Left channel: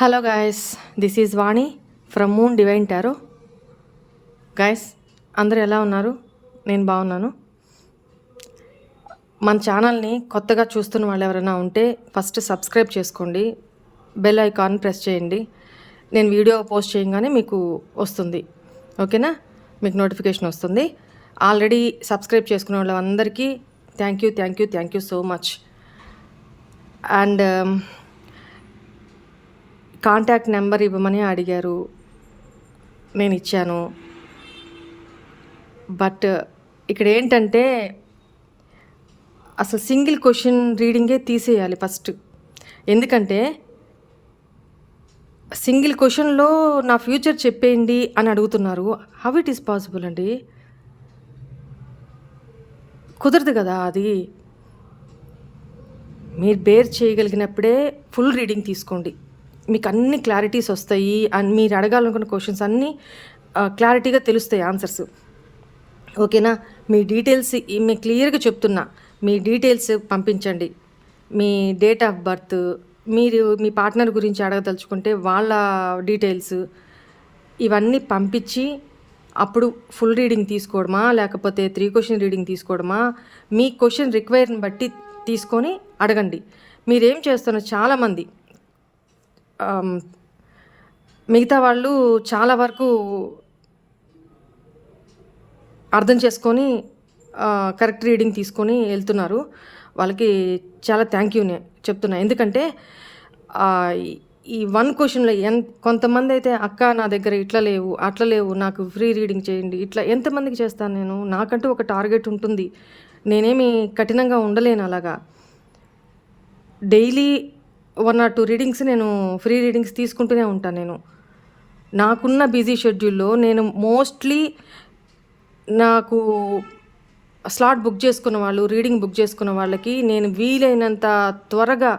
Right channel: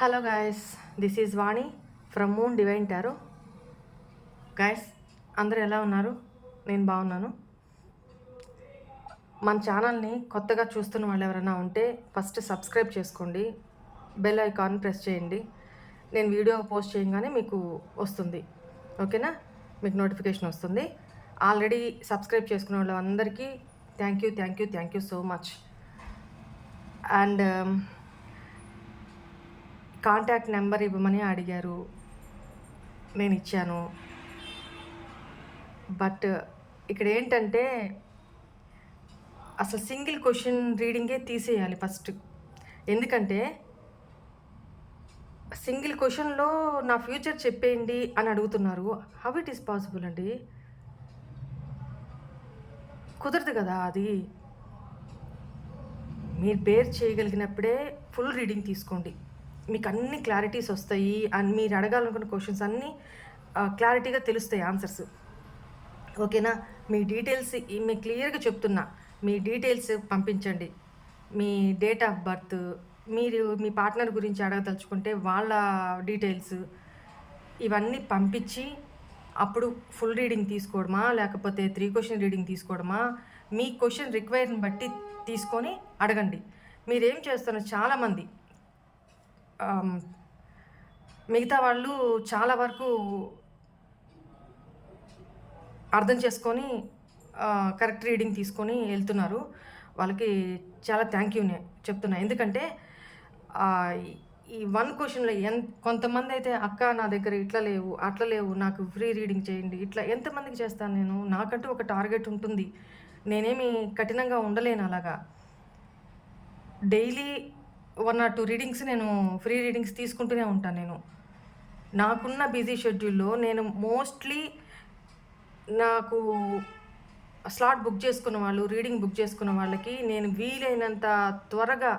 Hello guys, this is Vani from moon divine tarot. Guys, అందరూ ఎలా ఉన్నారు? నేను బాగున్నాను. మన ఛానల్ని కొత్తగా చూస్తున్న వాళ్ళు ఎవరైనా ఉంటే ఫస్ట్ సబ్స్క్రైబ్ చేసుకోండి, బెల్ ఐకాన్ ప్రెస్ చేయండి. నేను వీడియో పోస్ట్ చేయగానే మీకు వస్తుంది, ఓకేనా? మీకు నోటిఫికేషన్ వస్తుంది. ఆల్రెడీ సబ్స్క్రైబ్ చేసుకునే వాళ్ళందరికీ thank you so much. And contact number ఇవ్వమని అడిగారు, నేను ఇచ్చాను. బట్ ఇక్కడ ఏంటంటే అసలు సింగిల్ క్వశ్చన్ రీడింగే తీసేయాలి ఫస్ట్. ఎందుకంటే సింగిల్ క్వశ్చన్లో నా ఫ్యూచర్ చెప్పేయండి అని అడుగుతున్నారు. హౌ ఇట్ ఈస్ పాసిబుల్ అండి? కుదరదు కదా అది. మీరు బేర్ చేయగలిగినప్పుడే ఫుల్ రీడింగ్ తీసుకోండి, మీకు అన్ని క్లారిటీస్ వస్తాయి. అండ్ మీరు అడగాలనుకున్న క్వశ్చన్స్ అన్నీ క్లారిటీగా తెలుస్తాయి ఆన్సర్స్, ఓకేనా? మీ డీటెయిల్స్ మీకు క్లియర్గా చెప్తున్నా, మీ డీటెయిల్స్ పంపించండి. మీ డేట్ ఆఫ్ బర్త్, మీరు మీ పార్ట్నర్ గురించి అడగదలుచుకుంటే వాళ్ళ డీటెయిల్స్ ఇవన్నీ పంపించి అప్పుడు ఫుల్ రీడింగ్ తీసుకోవడమా లేకపోతే 3 క్వశ్చన్ రీడింగ్ తీసుకోవడమా, మీ క్వశ్చన్ రిక్వైర్ని బట్టి తీసుకొని అడగండి. మీరేం చేస్తున్నారు, చాలామంది మిగతా వాళ్ళు చాలా వరకు అర్థం చేసుకొని కరెక్ట్ రీడింగ్ తీసుకొని వెళ్తున్నారు. వాళ్ళకి చాలా థ్యాంక్ యూనే చెప్తున్నా. ఎందుకంటే ఈ 1 క్వశ్చన్లో కొంతమంది అయితే అక్క నా దగ్గర ఇట్లా లేవు అట్లా లేవు, నాకు ఫ్రీ రీడింగ్ చేయండి, ఇట్లా ఎంతమందికి చేస్తాను నేను? నాకంటూ ఒక టార్గెట్ ఉంటుంది, నేనేమి కఠినంగా ఉండలేను. అలాగా డైలీ 1 or 2 రీడింగ్స్ నేను ఫ్రీ రీడింగ్స్ తీసుకుంటూనే ఉంటాను. నేను నాకున్న బిజీ షెడ్యూల్లో నేను మోస్ట్లీ నాకు స్లాట్ బుక్ చేసుకున్న వాళ్ళు, రీడింగ్ బుక్ చేసుకున్న వాళ్ళకి నేను వీలైనంత త్వరగా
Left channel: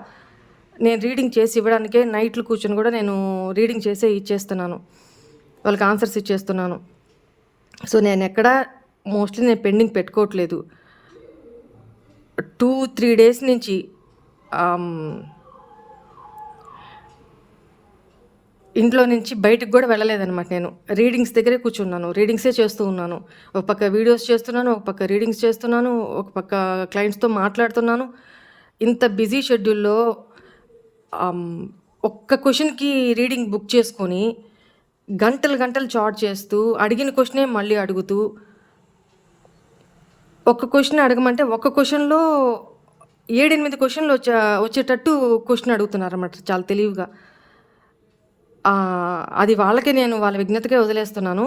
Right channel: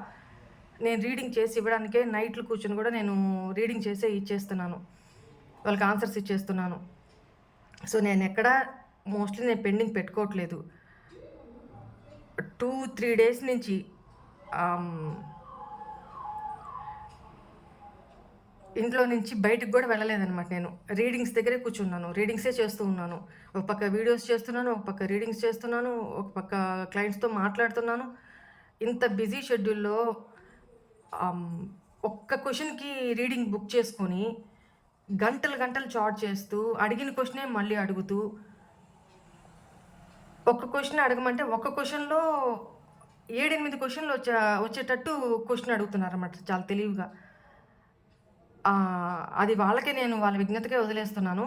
నేను రీడింగ్ చేసి ఇవ్వడానికే నైట్లు కూర్చొని కూడా నేను రీడింగ్ చేసే ఇచ్చేస్తున్నాను, వాళ్ళకి ఆన్సర్స్ ఇచ్చేస్తున్నాను. సో నేను ఎక్కడా మోస్ట్లీ నేను పెండింగ్ పెట్టుకోవట్లేదు. 2-3 డేస్ నుంచి ఇంట్లో నుంచి బయటకు కూడా వెళ్ళలేదన్నమాట. నేను రీడింగ్స్ దగ్గరే కూర్చున్నాను, రీడింగ్సే చేస్తూ ఉన్నాను. ఒక పక్క వీడియోస్ చేస్తున్నాను, ఒక పక్క రీడింగ్స్ చేస్తున్నాను, ఒక పక్క క్లయింట్స్తో మాట్లాడుతున్నాను. ఇంత బిజీ షెడ్యూల్లో ఒక్క క్వశ్చన్కి రీడింగ్ బుక్ చేసుకొని గంటలు చాట్ చేస్తూ అడిగిన క్వశ్చనే మళ్ళీ అడుగుతూ, ఒక్క క్వశ్చన్ అడగమంటే ఒక్క క్వశ్చన్లో 7-8 క్వశ్చన్లు వచ్చేటట్టు క్వశ్చన్ అడుగుతున్నారన్నమాట, చాలా తెలివిగా. అది వాళ్ళకే, నేను వాళ్ళ విజ్ఞతకే వదిలేస్తున్నాను.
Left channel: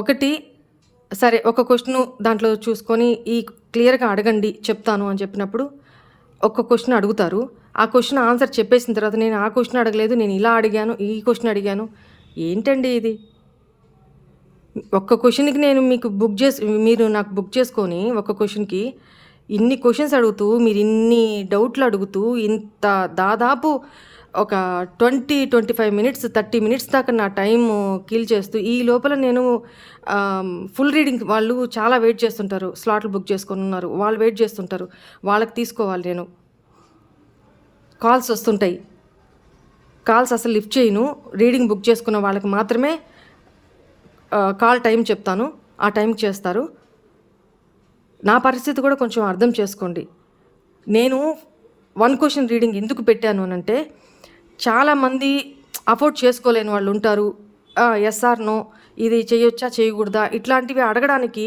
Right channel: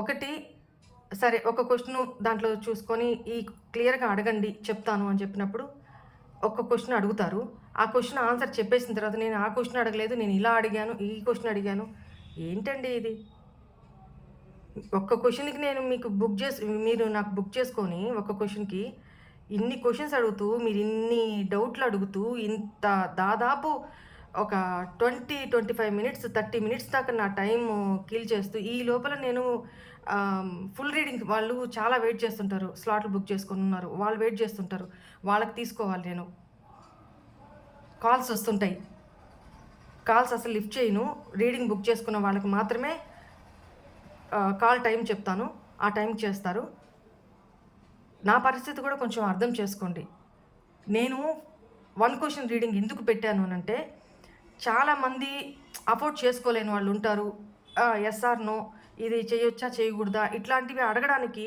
ఒకటి సరే, ఒక క్వశ్చను దాంట్లో చూసుకొని ఈ క్లియర్గా అడగండి చెప్తాను అని చెప్పినప్పుడు ఒక్క క్వశ్చన్ అడుగుతారు. ఆ క్వశ్చన్ ఆన్సర్ చెప్పేసిన తర్వాత నేను ఆ క్వశ్చన్ అడగలేదు, నేను ఇలా అడిగాను, ఈ క్వశ్చన్ అడిగాను. ఏంటండి ఇది? ఒక్క క్వశ్చన్కి నేను మీకు మీరు నాకు బుక్ చేసుకొని ఒక్క క్వశ్చన్కి ఇన్ని క్వశ్చన్స్ అడుగుతూ, మీరు ఇన్ని డౌట్లు అడుగుతూ, ఇంత దాదాపు ఒక 20-25 మినిట్స్ 30 మినిట్స్ దాకా నా టైం కిల్ చేస్తూ, ఈ లోపల నేను ఫుల్ రీడింగ్ వాళ్ళు చాలా వెయిట్ చేస్తుంటారు, స్లాట్లు బుక్ చేసుకొని ఉన్నారు, వాళ్ళు వెయిట్ చేస్తుంటారు, వాళ్ళకి తీసుకోవాలి. నేను కాల్స్ వస్తుంటాయి, కాల్స్ అసలు లిఫ్ట్ చేయను. రీడింగ్ బుక్ చేసుకున్న వాళ్ళకి మాత్రమే కాల్ టైం చెప్తాను, ఆ టైంకి చేస్తారు. నా పరిస్థితి కూడా కొంచెం అర్థం చేసుకోండి. నేను 1 క్వశ్చన్ రీడింగ్ ఎందుకు పెట్టాను అని అంటే, చాలామంది అఫోర్డ్ చేసుకోలేని వాళ్ళు ఉంటారు. ఎస్ ఆర్ నో, ఇది చేయొచ్చా చేయకూడదా ఇట్లాంటివి అడగడానికి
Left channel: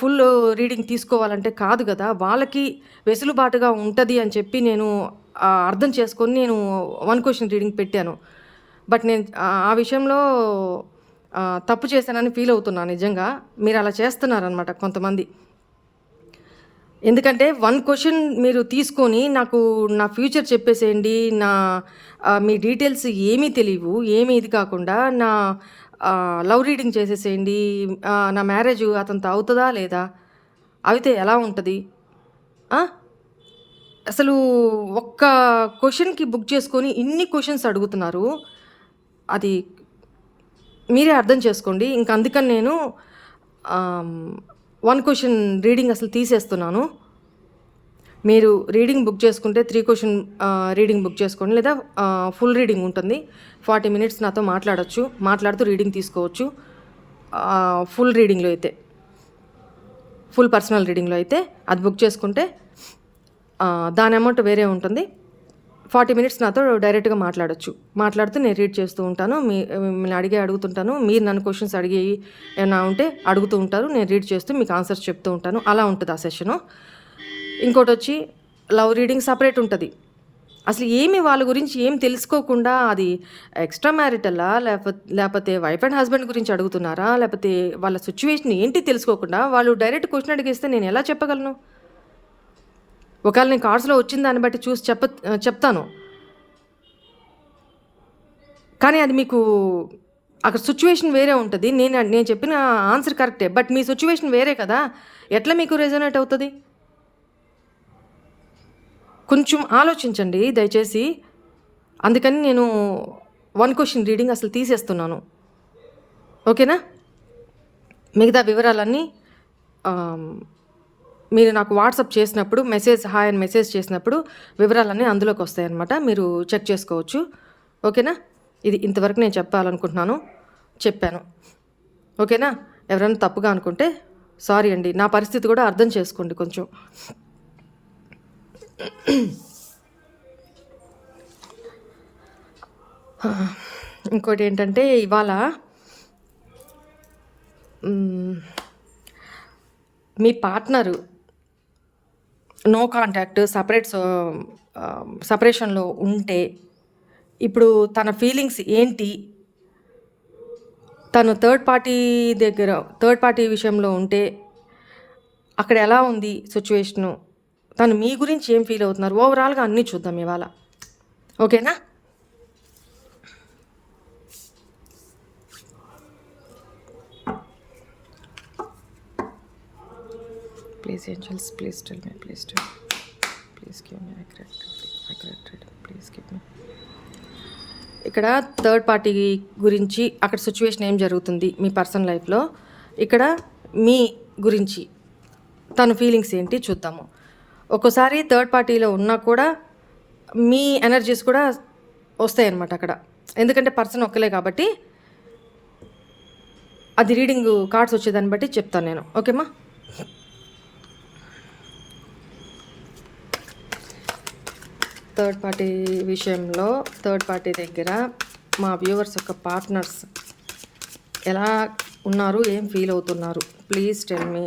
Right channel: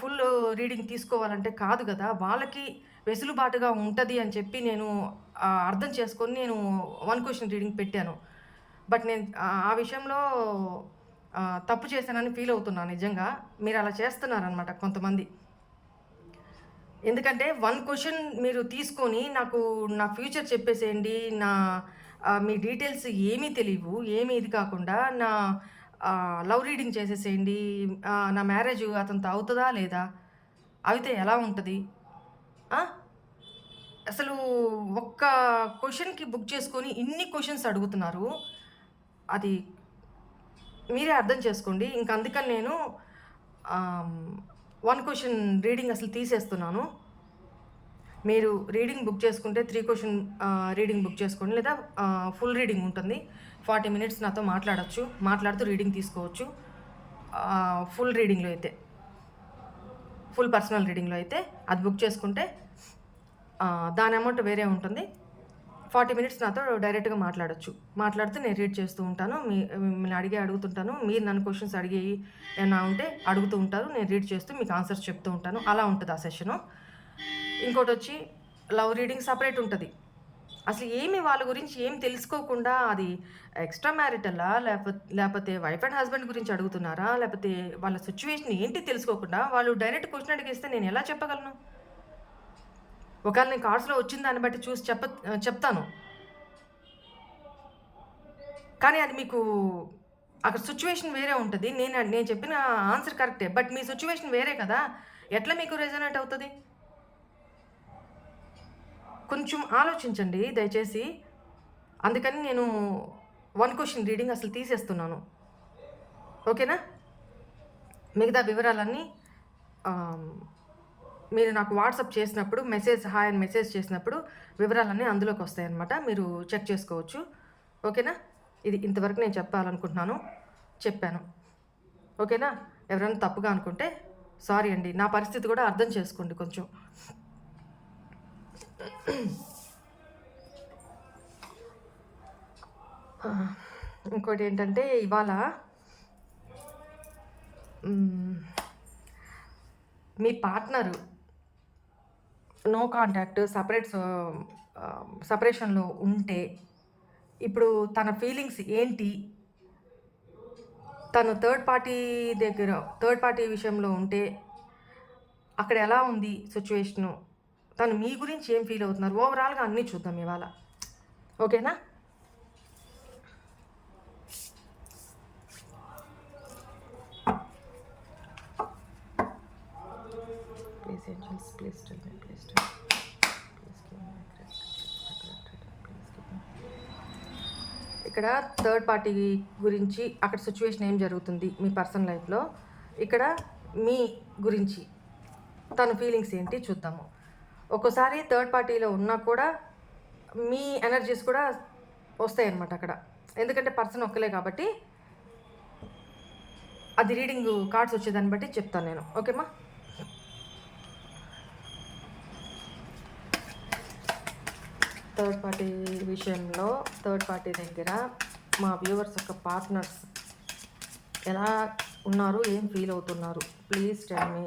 ఫుల్ రీడింగ్ తీసుకోవాలంటే కాదు కదా, వాళ్ళకి వెసులుబాటుగా ఉంటుంది అని చెప్పి నేను అర్థం చేసుకొని నేను 1 క్వశ్చన్ రీడింగ్ పెట్టాను. బట్ నేను ఆ విషయంలో తప్పు చేశానని ఫీల్ అవుతున్నాను నిజంగా. మీరు అలా చేస్తున్నారనమాట కొంతమంది. ఎందుకంటే 1 క్వశ్చన్ మీరు తీసుకొని నాకు నా ఫ్యూచర్ చెప్పేసేయండి, మీ డీటెయిల్స్ ఏమీ తెలియవు, ఏమీ ఇది కాకుండా నా లవ్ రీడింగ్ చేసేసేయండి, నా మ్యారేజ్ అతనితో అవుతుందా లేదా, అయితే ఎలా ఉంటుంది? అసలు ఒక్క క్వశ్చన్కి బుక్ చేసుకొని ఇన్ని క్వశ్చన్స్ అడుగుతున్నారు, అది మీరే అర్థం చేసుకోండి. ఇంక అందుకని నేను 1 క్వశ్చన్ రీడింగ్ అసలు తీసేస్తున్నాను. మీరు రీడింగ్ బుక్ చేసుకుంటే 3 క్వెషన్ రీడింగ్ బుక్ చేసుకోండి, లేదా ఫుల్ రీడింగ్ ఉంటుంది. 40 మినిట్స్ నాతో మాట్లాడొచ్చు, మాట్లాడుతూ రీడింగ్ తీసుకోవచ్చు. ఫుల్ రీడింగ్లో అయితే, ఫుల్ పర్సనల్ రీడింగ్లో అయితే అది బుక్ చేసుకుంటే దాని అమౌంట్ వేరే ఉంటుంది. 40 మినిట్స్ నాతో డైరెక్ట్గా మాట్లాడొచ్చు. మాట్లాడుతూ నేను రీడ్ చేస్తూ ఉంటాను. మిమ్మల్ని అడుగుతుంటాను. మీరు నన్ను క్వశ్చన్స్ అడిగి ఏమైనా ఉంటే అడుగుతూ ఉంటారు. నేను రీడ్ చేస్తూ మీకు ఆన్సర్స్ చెప్తూ ఉంటాను. అలా ఉంటుంది ఆ సెషను. ఇంకోటి వచ్చి లవ్ రీడింగ్ సపరేట్ ఉంటుంది. అసలు ఏమి వాళ్ళ గురించి ఏం తెలుసుకోకుండా అది ఎక్స్ట్రా మ్యారిటలా, లేకపోతే వైఫ్ అండ్ హస్బెండ్ గురించి అడుగుతున్నారా, లేకపోతే వాళ్ళ సిచ్యువేషన్ ఏంటి తెలుసుకోకుండా వాళ్ళు డైరెక్ట్ క్వశ్చన్ అడిగేస్తే నేను ఎలా చెప్పగలను? ఒకవేళ నేను కార్డ్స్లో వచ్చిన దాన్ని బట్టి చూసి చెప్తాను. కానీ అది మీకు అక్కడ సిచ్యువేషన్ వేరే ఉంటుంది. నేను చెప్పిన ఆన్సర్ కరెక్టే, బట్ మీ సిచ్యువేషన్ వేరే కదా. ఎట్లా మీకు రెజొనేట్ అవుతుంది? కొంచెం ఆలోచించండి దయచేసి. అందుకని నేను 1 క్వెషన్ రీడింగ్ అసలు తీసేస్తున్నాను. ఓకేనా? మిగతా వివరాలన్నీ మీరు నాకు వాట్సాప్ చేసినప్పుడు హాయ్ అని మెసేజ్ చేసినప్పుడు వివరాలన్నీ అందులోకి వస్తాయన్నమాట. మీరు చెక్ చేసుకోవచ్చు. ఓకేనా? ఇది ఇంతవరకు నేను చెప్పాను. ఓకేనా? ఎవరైనా తప్పుగా అనుకుంటే సారీ అండి. నా పరిస్థితి కూడా అర్థం చేసుకోండి కొంచెం. ఇంకోటి ఏంటంటే, ఇవాళ మీ పార్ట్నరు నో కాంటాక్ట్ సపరేషన్లో ఉంటే ఇప్పుడు తన ఫీలింగ్స్ ఏంటి, తను థర్డ్ పార్టీ విషయంలో ఉంటే అక్కడ ఎలా ఉంది సిచ్యువేషను, తను మీ గురించి ఏం ఫీల్ అవుతున్నారు, ఓవరాల్గా అన్నీ చూద్దాం ఇవాళ. ఓకేనా? Please angels, please tell me, please give me accurate reading, please give మీ. ఇక్కడ థర్డ్ పార్టీ గురించి అక్కడ సిచ్యువేషన్ ఏం జరుగుతుంది మీ పర్సనల్ లైఫ్లో, ఇక్కడ మీ గురించి తన ఫీలింగ్స్ ఏంటి చూద్దాము. ఒక్కోసారి థర్డ్ పార్టీలో ఉన్నా కూడా మీ ఎనర్జీస్ కూడా వస్తాయి అన్నమాట అక్కడ. ఎందుకంటే పర్సన్ ఒక్కలే కాబట్టి అది రీడింగ్ కార్డ్స్ వచ్చేదాన్ని బట్టి చెప్తాను నేను. ఓకేమ్మా? థర్డ్ పార్టీ విషయంలో థర్డ్ పార్టీ దగ్గర మా వ్యూవర్స్ యొక్క పార్ట్నర్స్ ఎలా ఉన్నారు, ఏం ఫీల్ అవుతున్నారు, please tell me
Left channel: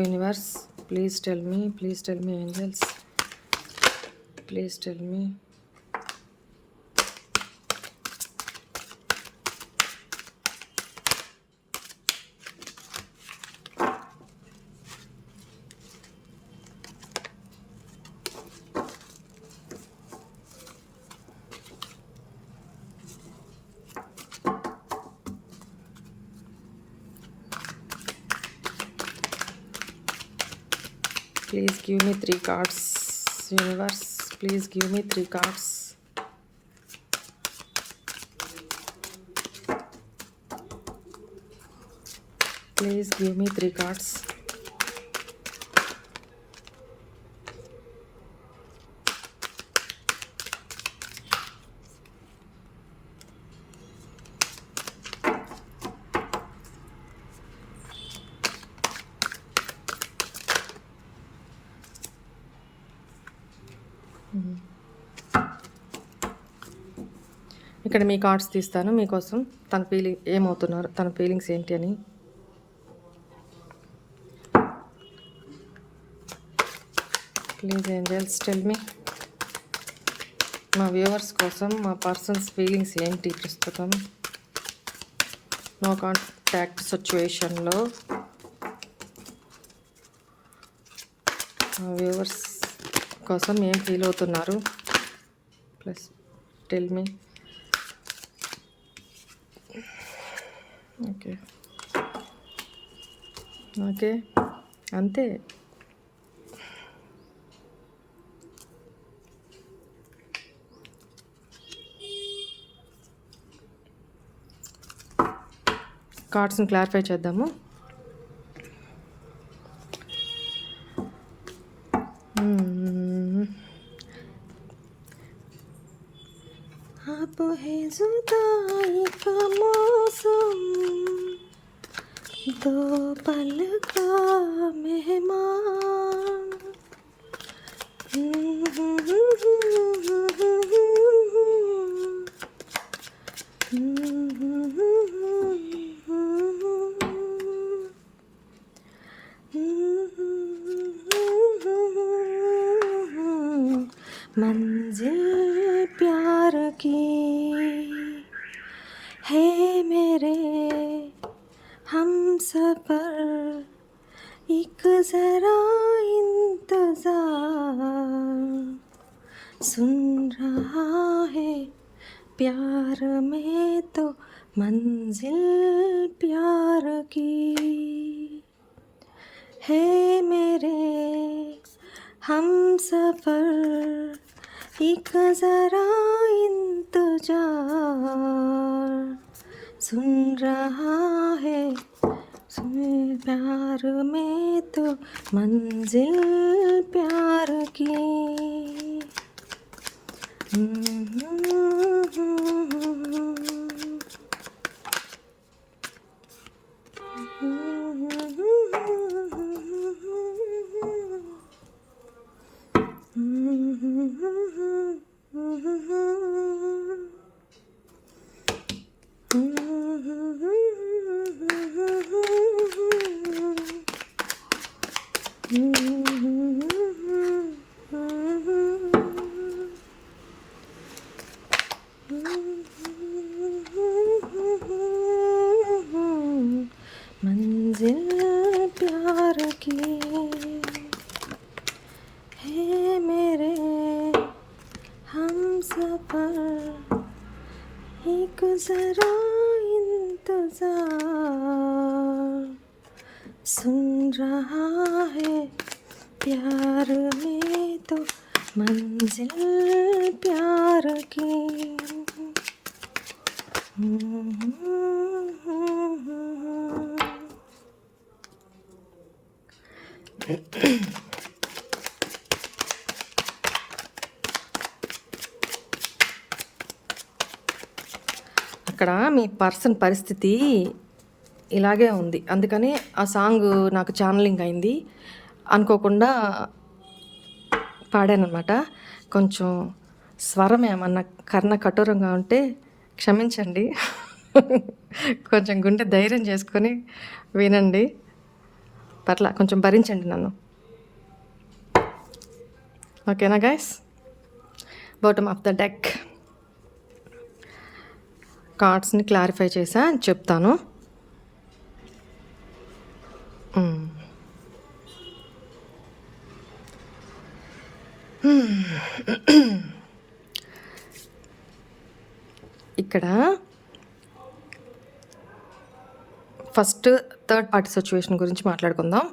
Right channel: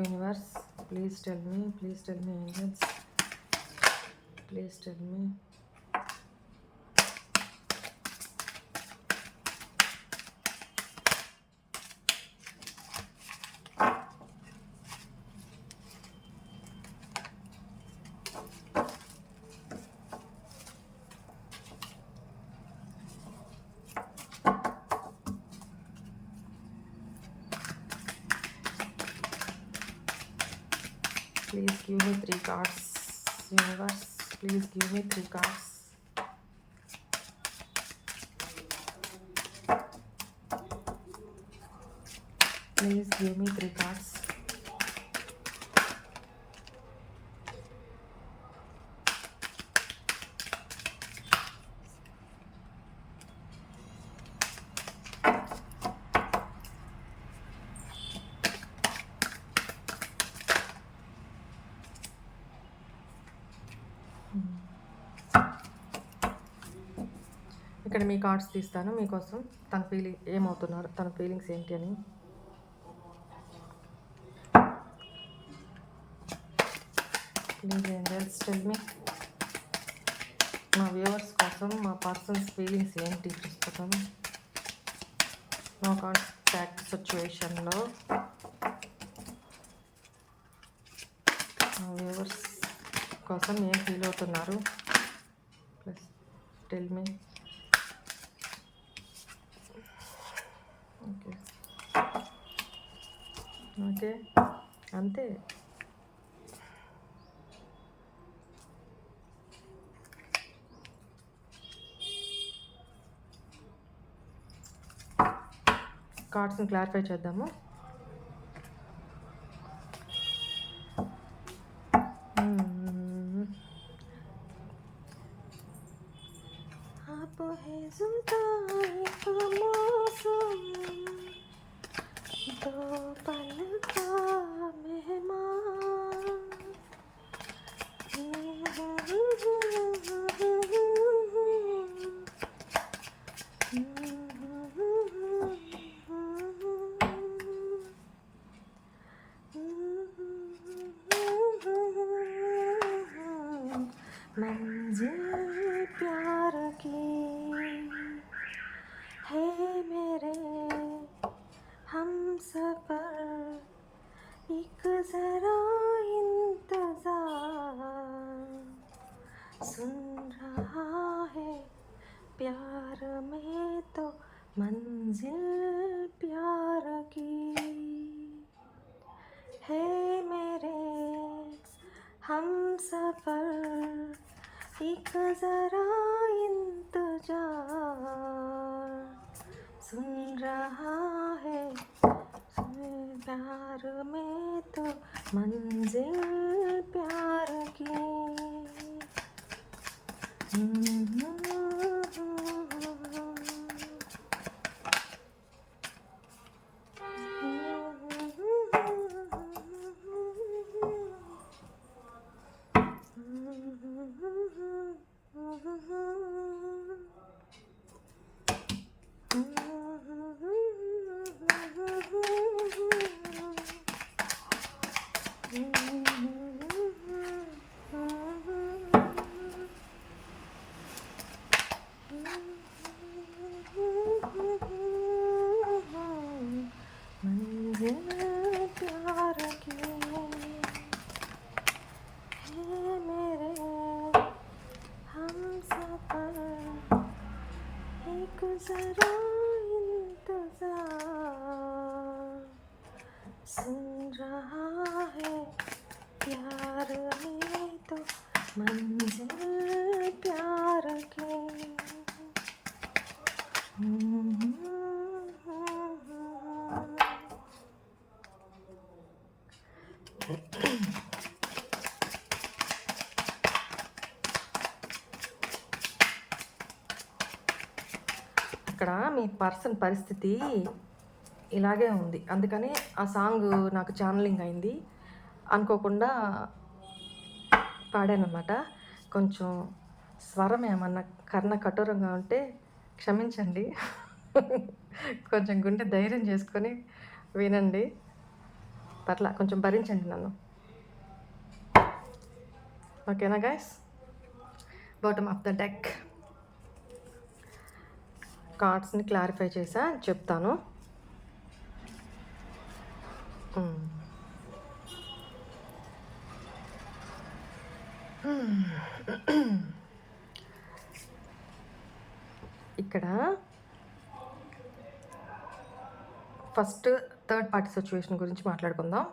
universe, please tell me angels, please tell me. Please give me 3 cards. Universe, please give me 3 cards. Please give me 3 cards. ఇక్కడ మీ cards తీస్తాను మీకోసం. తన ఏమవుతున్నారు, తన ఫీలింగ్స్ ఏంటి అని. Please angels tell me. మా viewers కోసం మా పర్సన్స్ ఫీలింగ్స్ ఏంటి ప్రస్తుతం నో కాంటాక్ట్ సిచ్యువేషన్లో. మా వ్యూవర్స్ కోసం ఏం ఫీల్ అవుతున్నారు, ప్లస్ టెల్ మీ. ఓకే అంతే. కార్డ్స్ని క్లారిఫై చేద్దాము. है जुदाई का मौसम, दो पल का मेहमान। मंजिल प्यार की है मेरे हम सफर, एक जरा इंतजार, सुन रहा है प्यार में तो मंजिल प्यार की है मेरे हम सफर, एक जरा इंतजार, सुन रहा है सुन प्यार में तो मंजिल प्यार की। मंजिल प्यार की है मेरे हम सफर, एक जरा इंतजार, सुन रहा है प्यार में तो मंजिल प्यार की। అక్కడ మీ పర్సన్ పరిస్థితి ఇలాగే ఉంది, అందుకని ఆ సాంగ్ నాకు ఛానలింగ్ అయింది, అనుకోకుండా పాడానమాట. కొంచెం స్వరం ఏమన్నా కర్ణ కఠోరంగా ఉంటే క్షమించండి. కొంచెం గుండె ధైర్యం చేసుకొని వినండి, పర్లా కొంచెం భరించండి నన్ను. ఓకేనా guys? Bottom of the deck కార్డ్స్ని క్లారిఫై చేసా అని చెప్తాను. ఇక్కడ ఫస్ట్ థర్డ్ పార్టీ సిచ్యువేషన్ గురించి మాట్లాడుకుందాం.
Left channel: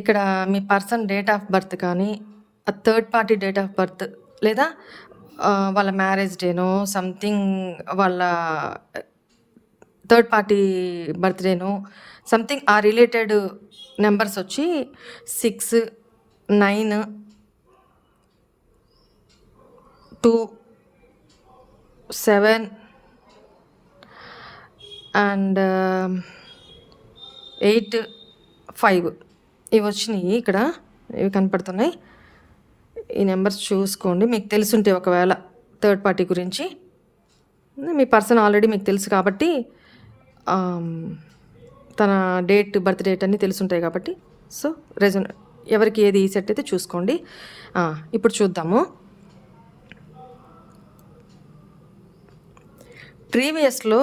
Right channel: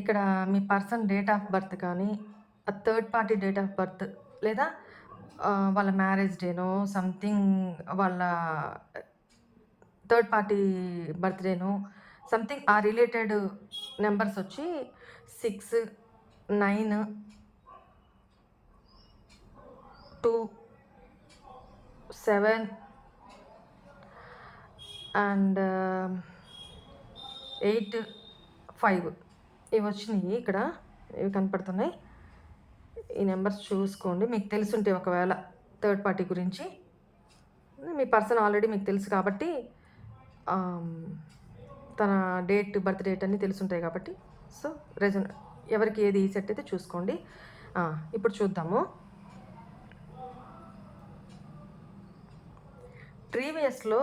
ఇక్కడ మీ పర్సన్ డేట్ ఆఫ్ బర్త్ కానీ, ఆ third party date of birth, లేదా వాళ్ళ మ్యారేజ్ డేనో సంథింగ్, వాళ్ళ థర్డ్ పార్టీ బర్త్డేనో సంథింగ్, ఆ రిలేటెడ్ నెంబర్స్ వచ్చి 6, 9, 2, 7 అండ్ 8, 5 ఇవి వచ్చినాయి. ఇక్కడ ఇవి కనపడుతున్నాయి. ఈ నెంబర్స్ చూసుకోండి, మీకు తెలుసుంటే ఒకవేళ థర్డ్ పార్టీ గురించి. మీ పర్సన్ ఆల్రెడీ మీకు తెలుసు కాబట్టి, తన బర్త్ డేట్ అన్నీ తెలుసుంటాయి కాబట్టి, సో ఎవరికి ఏది సెట్ అయితే చూసుకోండి. ఇప్పుడు చూద్దాము. ప్రీవియస్లో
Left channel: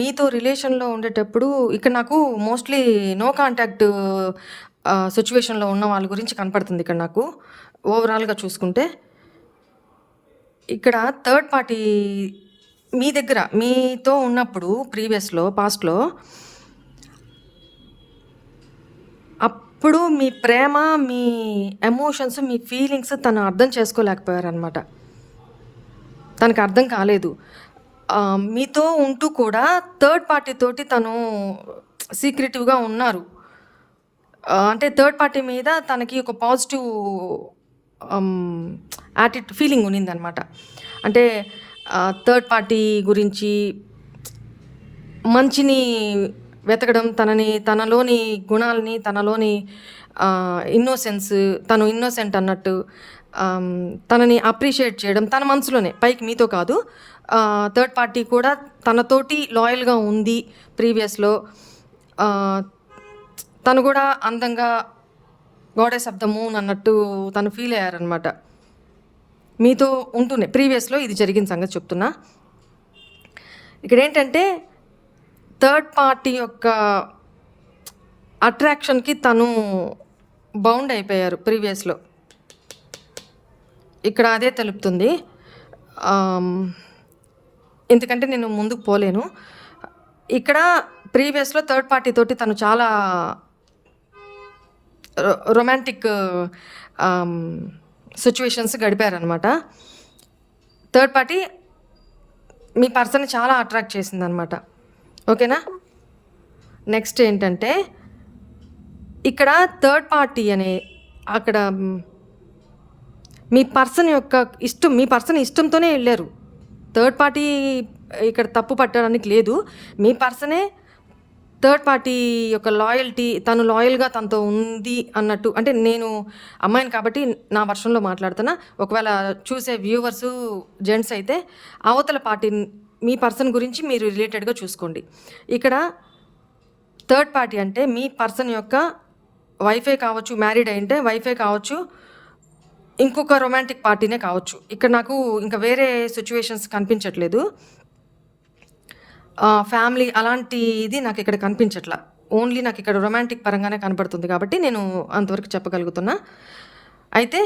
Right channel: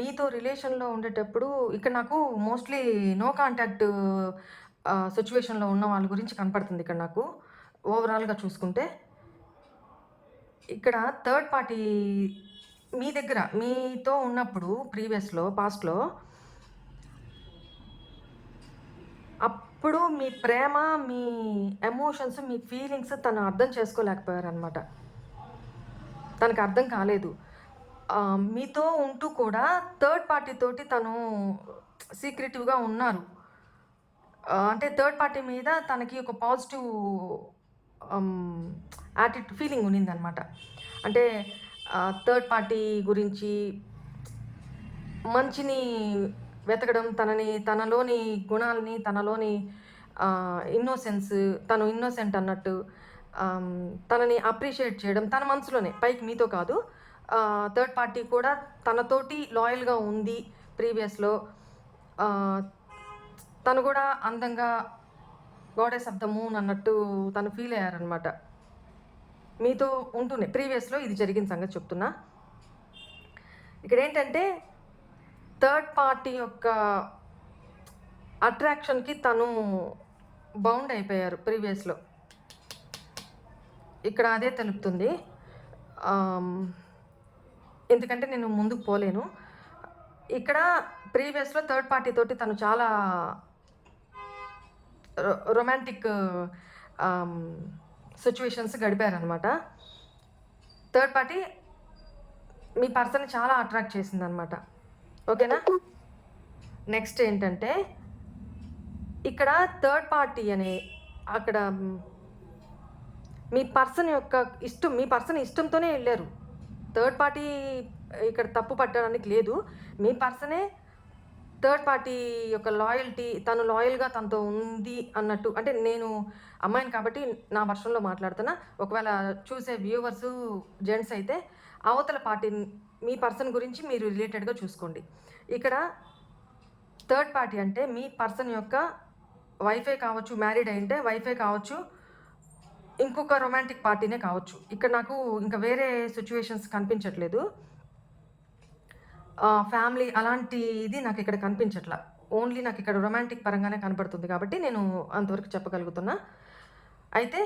మీతో రిలేషన్లో ఉండేటప్పుడు ఇక్కడ నాకు మోస్ట్లీ నో కాంటాక్ట్ సిచ్యువేషన్లో ఉన్న వాళ్ళ గురించి కనపడుతుంది. ఇక్కడ నాకు ఓవరాల్గా చూసుకుంటే, ఇక్కడ థర్డ్ పార్టీ మీ దగ్గర మీతో ఉన్నప్పుడు ప్రీవియస్లో పాస్ట్లో, అప్పుడు మీ ప్రేమ, మీ ఎమోషన్స్, మీ ఫీలింగ్స్ తను అర్థం చేసుకోలేకపోయారనమాట. తనకు అర్థం కాలేదు. మీతో ఉంటూ కూడా థర్డ్ పార్టీ తోటి తను సీక్రెటివ్గా ఉన్నారు. అంటే థర్డ్ పార్టీ మీద తనకి ఒక పాజిటివ్ ఫీలింగ్ ఉన్నిందనమాట. అంటే థర్డ్ పార్టీ గురించి మంచిని వెతకడం, తనలోని గుణాలని, తనలోని ఇన్నోసెన్స్, తను ఇన్నోసెంట్ అన్నట్టు తనని అప్రిషియేట్ చేయడం తన మనసులోనే, పైకి మీతో కాదు. థర్డ్ పార్టీ కూడా తనతోటి లాయల్‌గా ఉంది ప్రీవియస్‌లో. తను కూడా అందంగా గాడెస్ ఆఫ్ ద మూన్ అన్నట్టు తను ఫీల్ అయ్యారనమాట. మీతో ఉంటూనే ప్రీవియస్‌లో ఇది జరిగిన సంగతి చెప్తున్నా. ఇక్కడేంటంటే థర్డ్ పార్టీ యొక్క అట్రాక్షన్‌కి తను బౌండ్ అయిపోయారు ప్రీవియస్‌లో. ఇక్కడ అదే తెలుపుతుంది. ఎందుకంటే నేను ముందుకు పోలేను. ఇక్కడ ప్రీవియస్‌లో థర్డ్ పార్టీ తోటి తను చాలా రొమాంటిక్ సిట్యుయేషన్స్ గడిపారనమాట. థర్డ్ పార్టీ మీ పర్సన్‌ని చాలా అట్రాక్ట్ చేసిందనమాట. ఓకేనా? నెక్స్ట్ ఏంటంటే ఇక్కడ థర్డ్ పార్టీ అనే అక్కడ మీ పర్సన్ యొక్క ఇష్టం, మీ పర్సన్ ఇష్టంతోనే వెళ్ళారు. థర్డ్ పార్టీ ఇక్కడ తప్పు పట్టడానికి లేదు. మీ పర్సనే థర్డ్ పార్టీ యొక్క లాయల్టీ, తను లాయల్‌గా తనతో ఉంది అన్నట్టు. అంటే నేను అమ్మాయిని కాబట్టి నా వర్షన్‌లో మాట్లాడుతున్నా. ఒకవేళ చూసే వ్యూవర్సు జెంట్స్ అయితే అవతల పార్టీ మీ పర్సన్ గురించి మీరు రిలేటెడ్‌గా చూసుకోండి. ఇక్కడ థర్డ్ పార్టీ అంటే మీ పర్సన్ యొక్క వైఫే కావచ్చు, మ్యారీడ్ అయింటే వైఫే కావచ్చు, ఇంకొక రొమాంటిక్ పార్టీనే కావచ్చు. ఇక్కడ నాకు ఇంకా వేరే సిట్యుయేషన్స్ కనిపించట్లేదు. ఫ్యామిలీ అలాంటిది నాకు ఇక్కడ కనిపించట్ల. ఓన్లీ నాకు ఇక్కడ రొమాంటిక్ పరంగానే కనపడుతుంది కాబట్టి నేను అంతవరకు చెప్పగలుగుతున్నా. అయితే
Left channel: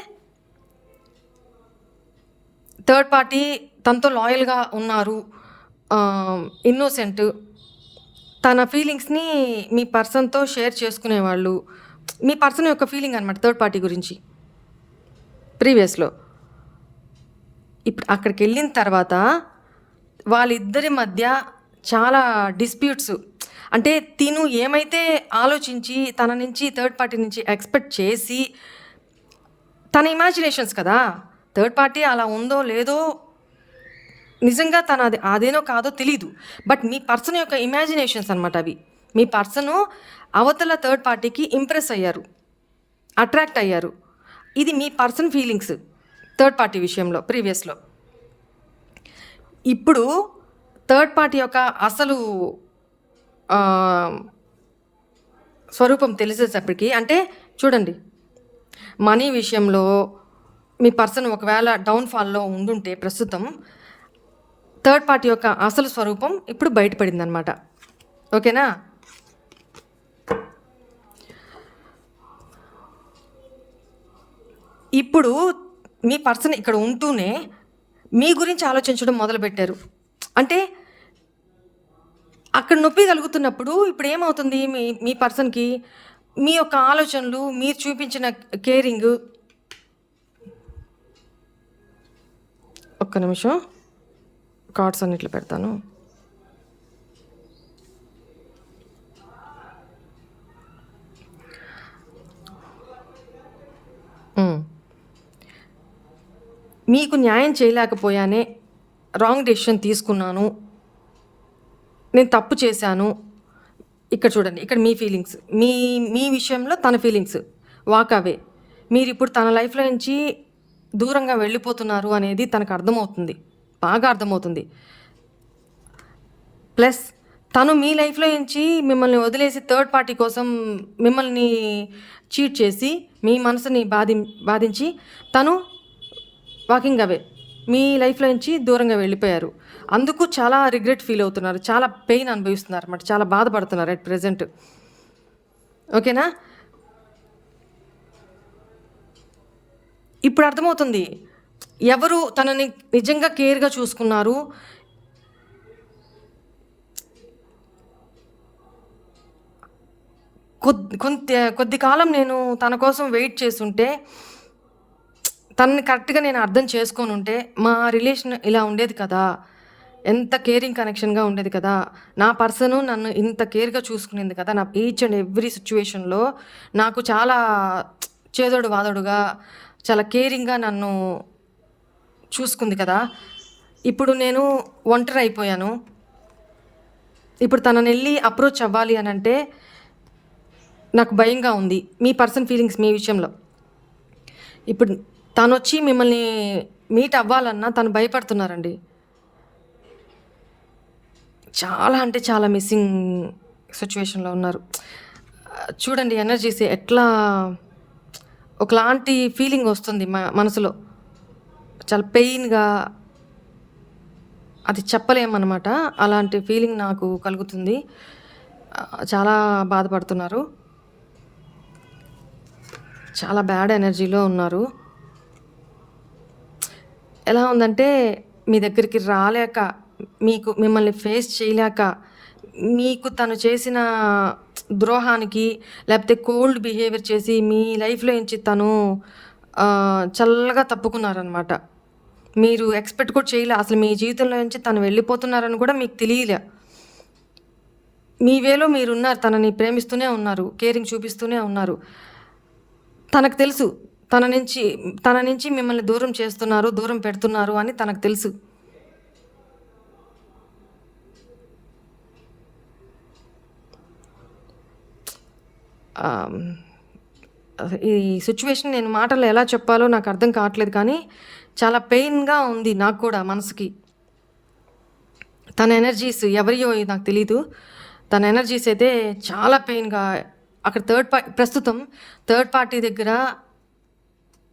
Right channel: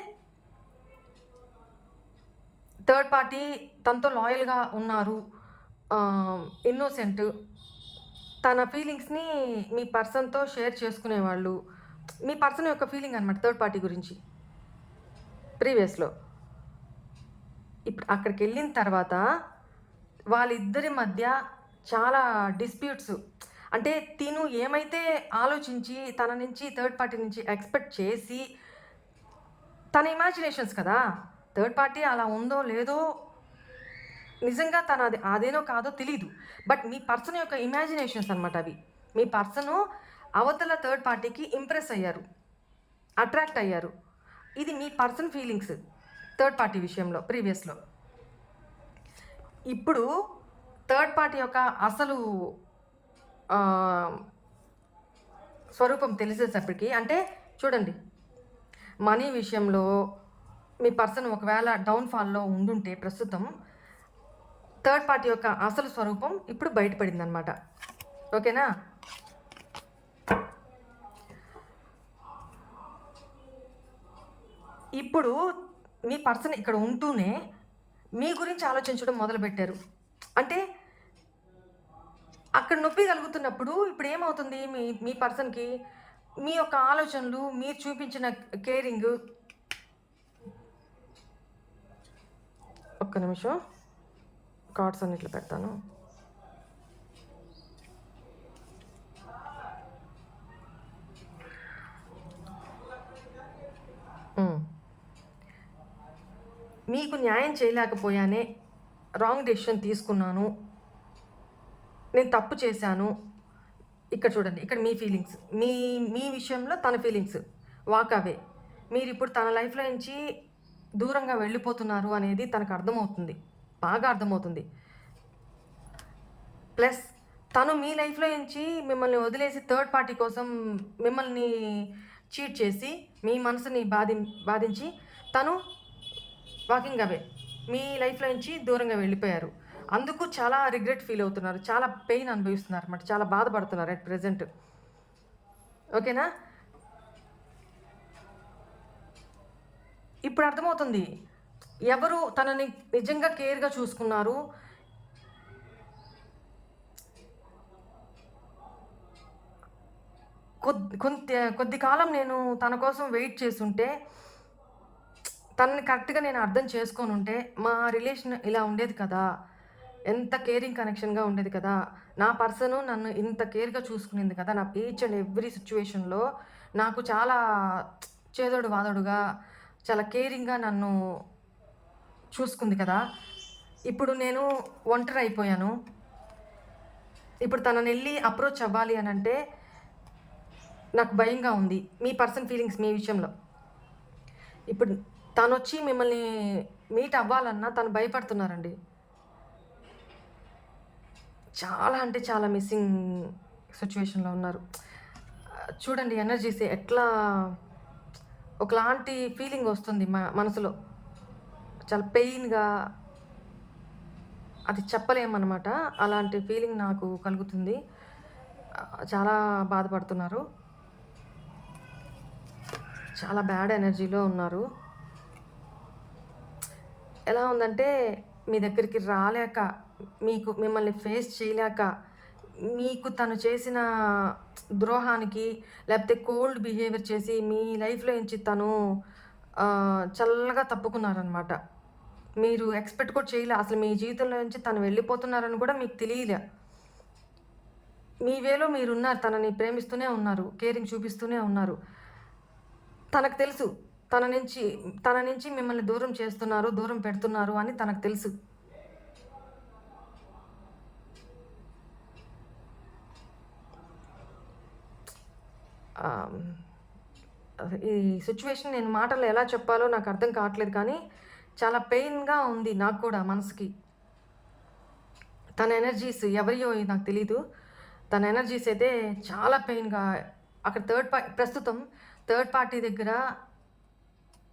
థర్డ్ పార్టీ తనతో లాయల్‌గా ఉన్నారు. ఇన్నోసెంట్. తన ఫీలింగ్స్‌ని మీ పర్సన్‌తో షేర్ చేసుకునేవాళ్ళు. మీ పర్సన్ యొక్క ఫీలింగ్ అనమాట థర్డ్ పార్టీ గురించి ప్రీవియస్‌లో. ఇప్పుడు అక్కడికెళ్ళిన తర్వాత వాళ్ళిద్దరి మధ్య చాలా డిస్ప్యూట్స్, అంటే తిను ఏమైతే ఆలోచించి తన నుంచి థర్డ్ పార్టీ నుంచి ఎక్స్పెక్ట్ చేసి తన ఇమాజినేషన్స్ కదా, థర్డ్ పార్టీ అలా ఉందో లేదో నిజంగా తన అదేనో కాదో తెలీదు. బట్ మీ పర్సన్ యొక్క ఇమాజినేషన్స్ అనమాట అవి. మీ పర్సను అవతల థర్డ్ పార్టీకి ఇంప్రెస్ అయ్యారు, అట్రాక్ట్ అయ్యారు. ఇది మీ పర్సన్ ఫీలింగ్స్ థర్డ్ పార్టీ విషయంలో ప్రీవియస్‌లో. ఇప్పుడు థర్డ్ పార్టీ యొక్క అసలు స్వరూపం తెలిసేటప్పటికి, అంటే చూడండి, మనీ విషయంలో మీ పర్సన్ ఒకవేళ డౌన్‌ఫాల్‌లో ఉండుంటే ప్రస్తుతం థర్డ్ పార్టీ యొక్క అసలు స్వరూపం ఇప్పుడు బయటపడిందనమాట. ఓకేనా? ఇప్పుడు మీ పర్సన్ ఇక్కడ ఉంటూనే మీ గురించి ఆలోచించడం మొదలుపెట్టారు. అంటే అక్కడ నొప్పి కలుగుతున్నప్పుడు ఇప్పుడు ఏమవుతుంది, మీ మీ పర్సన్‌కి మీ యొక్క ఆలోచనలు, మీరు చూపించిన కేరింగు. ఒక్క నిమిషం కార్డ్స్ అన్నిట్లో పెడతాను. మీకు న్యాయం చేయలేకపోయానే, రాంగ్ డెసిషన్ తీసుకున్నాను, నేను తప్పు చేశాను. ఇక్కడ చూడండి, ఇక్కడ మీ ఫీలింగ్స్, మీ మీ విషయంలో తన ఫీలింగ్స్ వాక్ అవే. మీరిప్పుడు తన లైఫ్‌లో నుంచి దూరంగా వెళ్ళిపోతున్నారు అనేది తనకు అర్థమవుతుంది, బాగా అర్థమవుతుంది. ప్లస్ తను మీ లైఫ్‌లో నుంచి మిమ్మల్ని వదిలేసి థర్డ్ పార్టీ కోసం మిమ్మల్ని చీట్ చేసి, మీ మనసుని బాధించి తను వాకింగ్ అవే, మీ లైఫ్‌లో నుంచి దూరంగా వెళ్ళిపోయారు. అందుకు చాలా రిగ్రెట్ ఫీల్ అవుతున్నారు, చాలా పెయిన్ అనుభవిస్తున్నారు అన్నమాట, చాలా బాధపడుతున్నారు అట్ ప్రెజెంట్. ఓకేనా? ఇప్పుడు అర్థమవుతుంది ఎవరు తనని నిజంగా కేర్‌గా చూసుకున్నారు. కొద్ది కాలం నేను తన కోసం వెయిట్ చేసుంటే, తనని కరెక్ట్‌గా నేను అర్థం చేసుకొనుంటే మా రిలేషన్ ఇలా ఉండేది కదా, ఎంత కేరింగ్ కనెక్షన్‌గా ఉండేది కదా, నా పర్సను నన్ను ఇంత కేర్‌గా చూసుకునేది కదా, నా ఈచ్ అండ్ ఎవ్రీ సిచ్యువేషన్‌లో నాకు చాలా చేదోడు వాదోడుగా, చాలా కేరింగ్‌గా నన్ను చూసుకుంది కదా! ఇప్పుడు నేను ఒంటరైపోయాను. ఇప్పుడు తననెళ్లి అప్రోచ్ అవ్వాలి అనంటే నాకు భయంగా ఉంది. మీ పర్సనల్ ఫీలింగ్స్ మీ విషయంలో. ఇప్పుడు తనొచ్చి మిమ్మల్ని మీట్ అవ్వాలన్నా తను భయపడుతున్నారండి. చాలా అంటే చాలా మిస్సింగ్ సిట్యుయేషన్‌లో ఉన్నారు. చూడండి ఎనర్జీస్ ఎట్లా ఒకలాంటి ఫీలింగ్ వస్తుంది మనసులో. చాలా పెయిన్‌గా అది చెప్పలేమనమాట. అలాంటి ఫీలింగ్ నాకు కలుగుతుంది. చాలా బాధపడుతున్నారు. చాలా బ్యాడ్ ఎనర్జీలో ఉన్నారు. ఎలా ఉందంటే మీ దగ్గరికి రాలేక, మిమ్మల్ని ఫేస్ చేయలేక, మీకు తను చేసిన ద్రోహానికి లేకపోతే కోల్డ్ బిహేవియర్ చేసి మీ లైఫ్‌లో నుంచి తను చల్లగా తప్పుకున్నారనమాట. మీరు ఎక్స్‌పెక్ట్ కూడా చేయలే. అసలు మీ జీవితంలో నుంచి తను వెళ్ళిపోతున్నారని కూడా మీకు తెలియలే. మీ వేలో మీరున్నారు. తనని ప్రేమిస్తూనే ఉన్నారు. కేరింగ్ చూపిస్తూనే ఉన్నారు. తనకు తెలుసు. తన నుంచి మిమ్మల్ని దూరం చేస్తున్నారు, దూరం పెడుతున్నారు అని తనకు తెలుసు. ఈ సిట్యుయేషన్ నేను మాటల్లో ఎలా చెప్పాలో నాకు అర్థం కావట్లేదు కానీ, చాలా పెయిన్‌గా ఉంది నాకు కూడా మనసుకి. తన ఎనర్జీస్ ఎవరియో నాకు తెలీదు. తన ఎనర్జీస్ అయితే చాలా పెయిన్‌గా అక్కడ ప్రస్తుతం థర్డ్ పార్టీ దగ్గర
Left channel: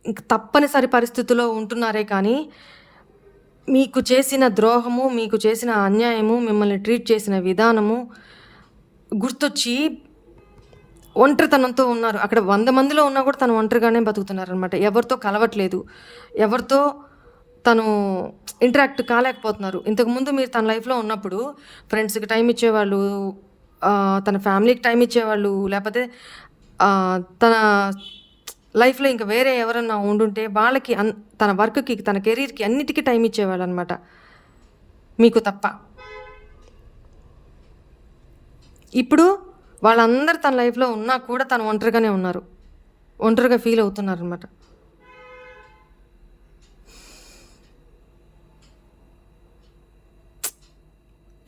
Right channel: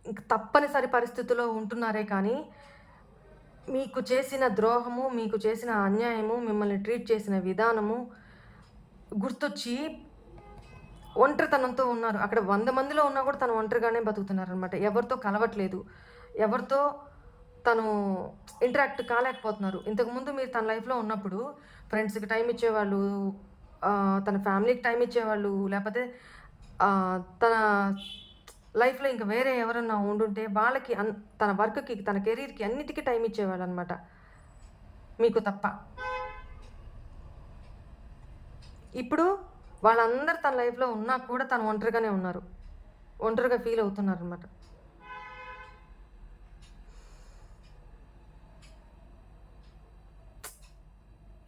ఇంక తప్పనిసరి పరిస్థితిలో ఉంటున్నారే కానీ, మీకు చేసిన ద్రోహము, మీకు చేసిన అన్యాయము, మిమ్మల్ని ట్రీట్ చేసిన విధానము గుర్తొచ్చి ఒంటరితనంతో ఉన్నారు. అక్కడ 100 మందిలో ఉన్నా కూడా తను ఒంటరిగానే బతుకుతున్నారనమాట. ఎవరితో కలవట్లేదు. ఎవరితో తను ఇంటరాక్ట్ కాలేకపోతున్నారు. ఇంతకుముందు మీరు తన లైఫ్‌లో ఉన్నప్పుడు ఫ్రెండ్స్‌కి టైం ఇచ్చేవాళ్ళు, తన ఫ్యామిలీకి టైం ఇచ్చేవాళ్ళు, లేపోతే తన లైఫ్‌లో ఇంక వేరే ఎవరన్నా ఉండుంటే వాళ్ళకి తన వర్క్‌కి, తన కెరీర్‌కి అన్నిటికి టైం ఇచ్చేవాళ్ళనమాట. మీకు తప్ప. ఇప్పుడు వాళ్ళందరూ తన లైఫ్‌లో ఉన్నా కూడా తను ఒంటరిగానే ఉన్నారు. ఒంటరిగా ఫీల్ అవుతున్నారనమాట.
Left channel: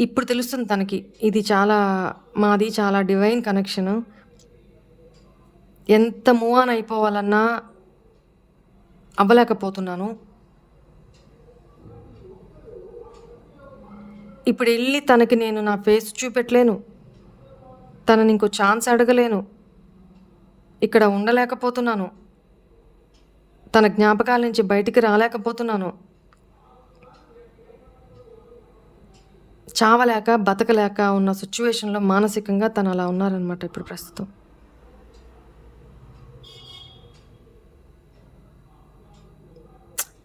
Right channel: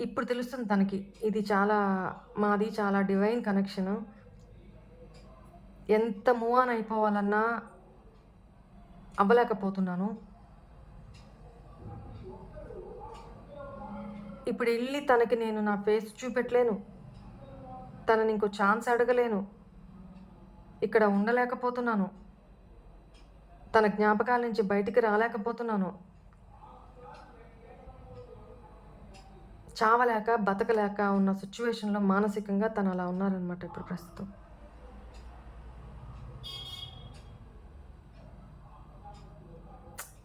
ఇప్పుడు తెలుస్తుంది తనకి. మాది చాలా డివైన్ కనెక్షను. ఎంత మూవ్ ఆన్ అయిపోవాలన్నా అవ్వలేకపోతున్నాను. ఇప్పుడెళ్ళి తనకి నేను నా ఫేస్ చూపెట్టలేను. తనని ఇంకో ఛాన్స్ అడగలేను. ఇక్కడ ఉండలేకపోతున్నాను. తన జ్ఞాపకాల నుంచి బయటికి రాలేకపోతున్నాను. చావలేక, బతకలేక ఉన్న సిట్యుయేషన్‌లో మానసికంగా తను అలా ఉన్నారనమాట ఇప్పుడు ప్రస్తుతం.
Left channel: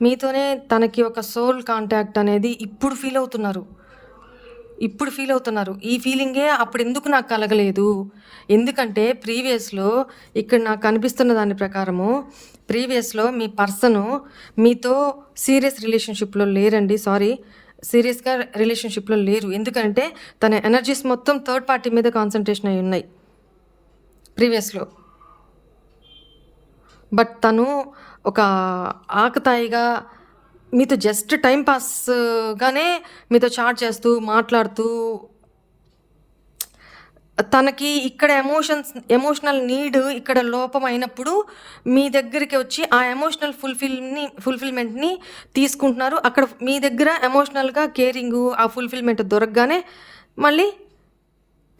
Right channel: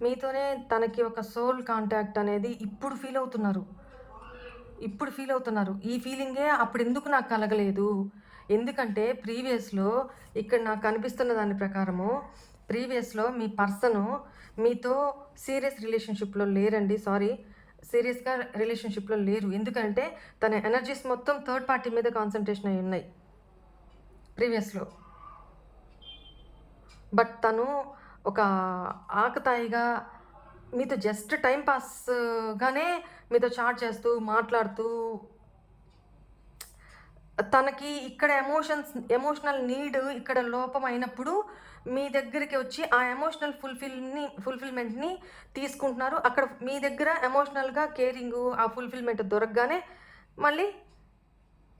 మీతోనే తనకి ఒక సోల్ కాంటాక్ట్ అనేది ఇప్పుడు ఫీల్ అవుతున్నారు. ఈ ఫీలింగే అప్పుడెందుకు నాకు కలగలేదు? ఎందుకంటే ప్రీవియస్‌లో ఇక్కడ నాకు కనిపిస్తున్న దాని ప్రకారము ప్రీవియస్‌లో మీ పర్సను మీతో సీరియస్ రిలేషన్‌షిప్‌లో లేరండి. సీరియస్‌గా రిలేషన్‌షిప్‌లో లేరు. ఎందుకంటే తన ఎనర్జీస్ మొత్తం థర్డ్ పార్టీ మీద కాన్సంట్రేషన్ అయ్యి ఉన్నాయి ప్రీవియస్‌లో. బట్ తను ఒక ఆకతాయిగా మీతో జస్ట్ టైమ్ పాస్‌గానే మీతో చాట్ చేస్తూ, మాట్లాడుతూ తనకి ఇక్కడ ఎమోషనల్ నీడ్ ఇక్కడ లోపమైనప్పుడు మీ దగ్గరికి వచ్చి ఆ ఎమోషనల్ ఫుల్‌ఫిల్‌మెంట్‌ని తీసుకుంటున్నారు. అక్కడ మీ దగ్గర ఎమోషనల్‌గా కేరింగు, ఆ ఫుల్‌ఫిల్‌మెంట్ దొరకగానే మళ్ళీ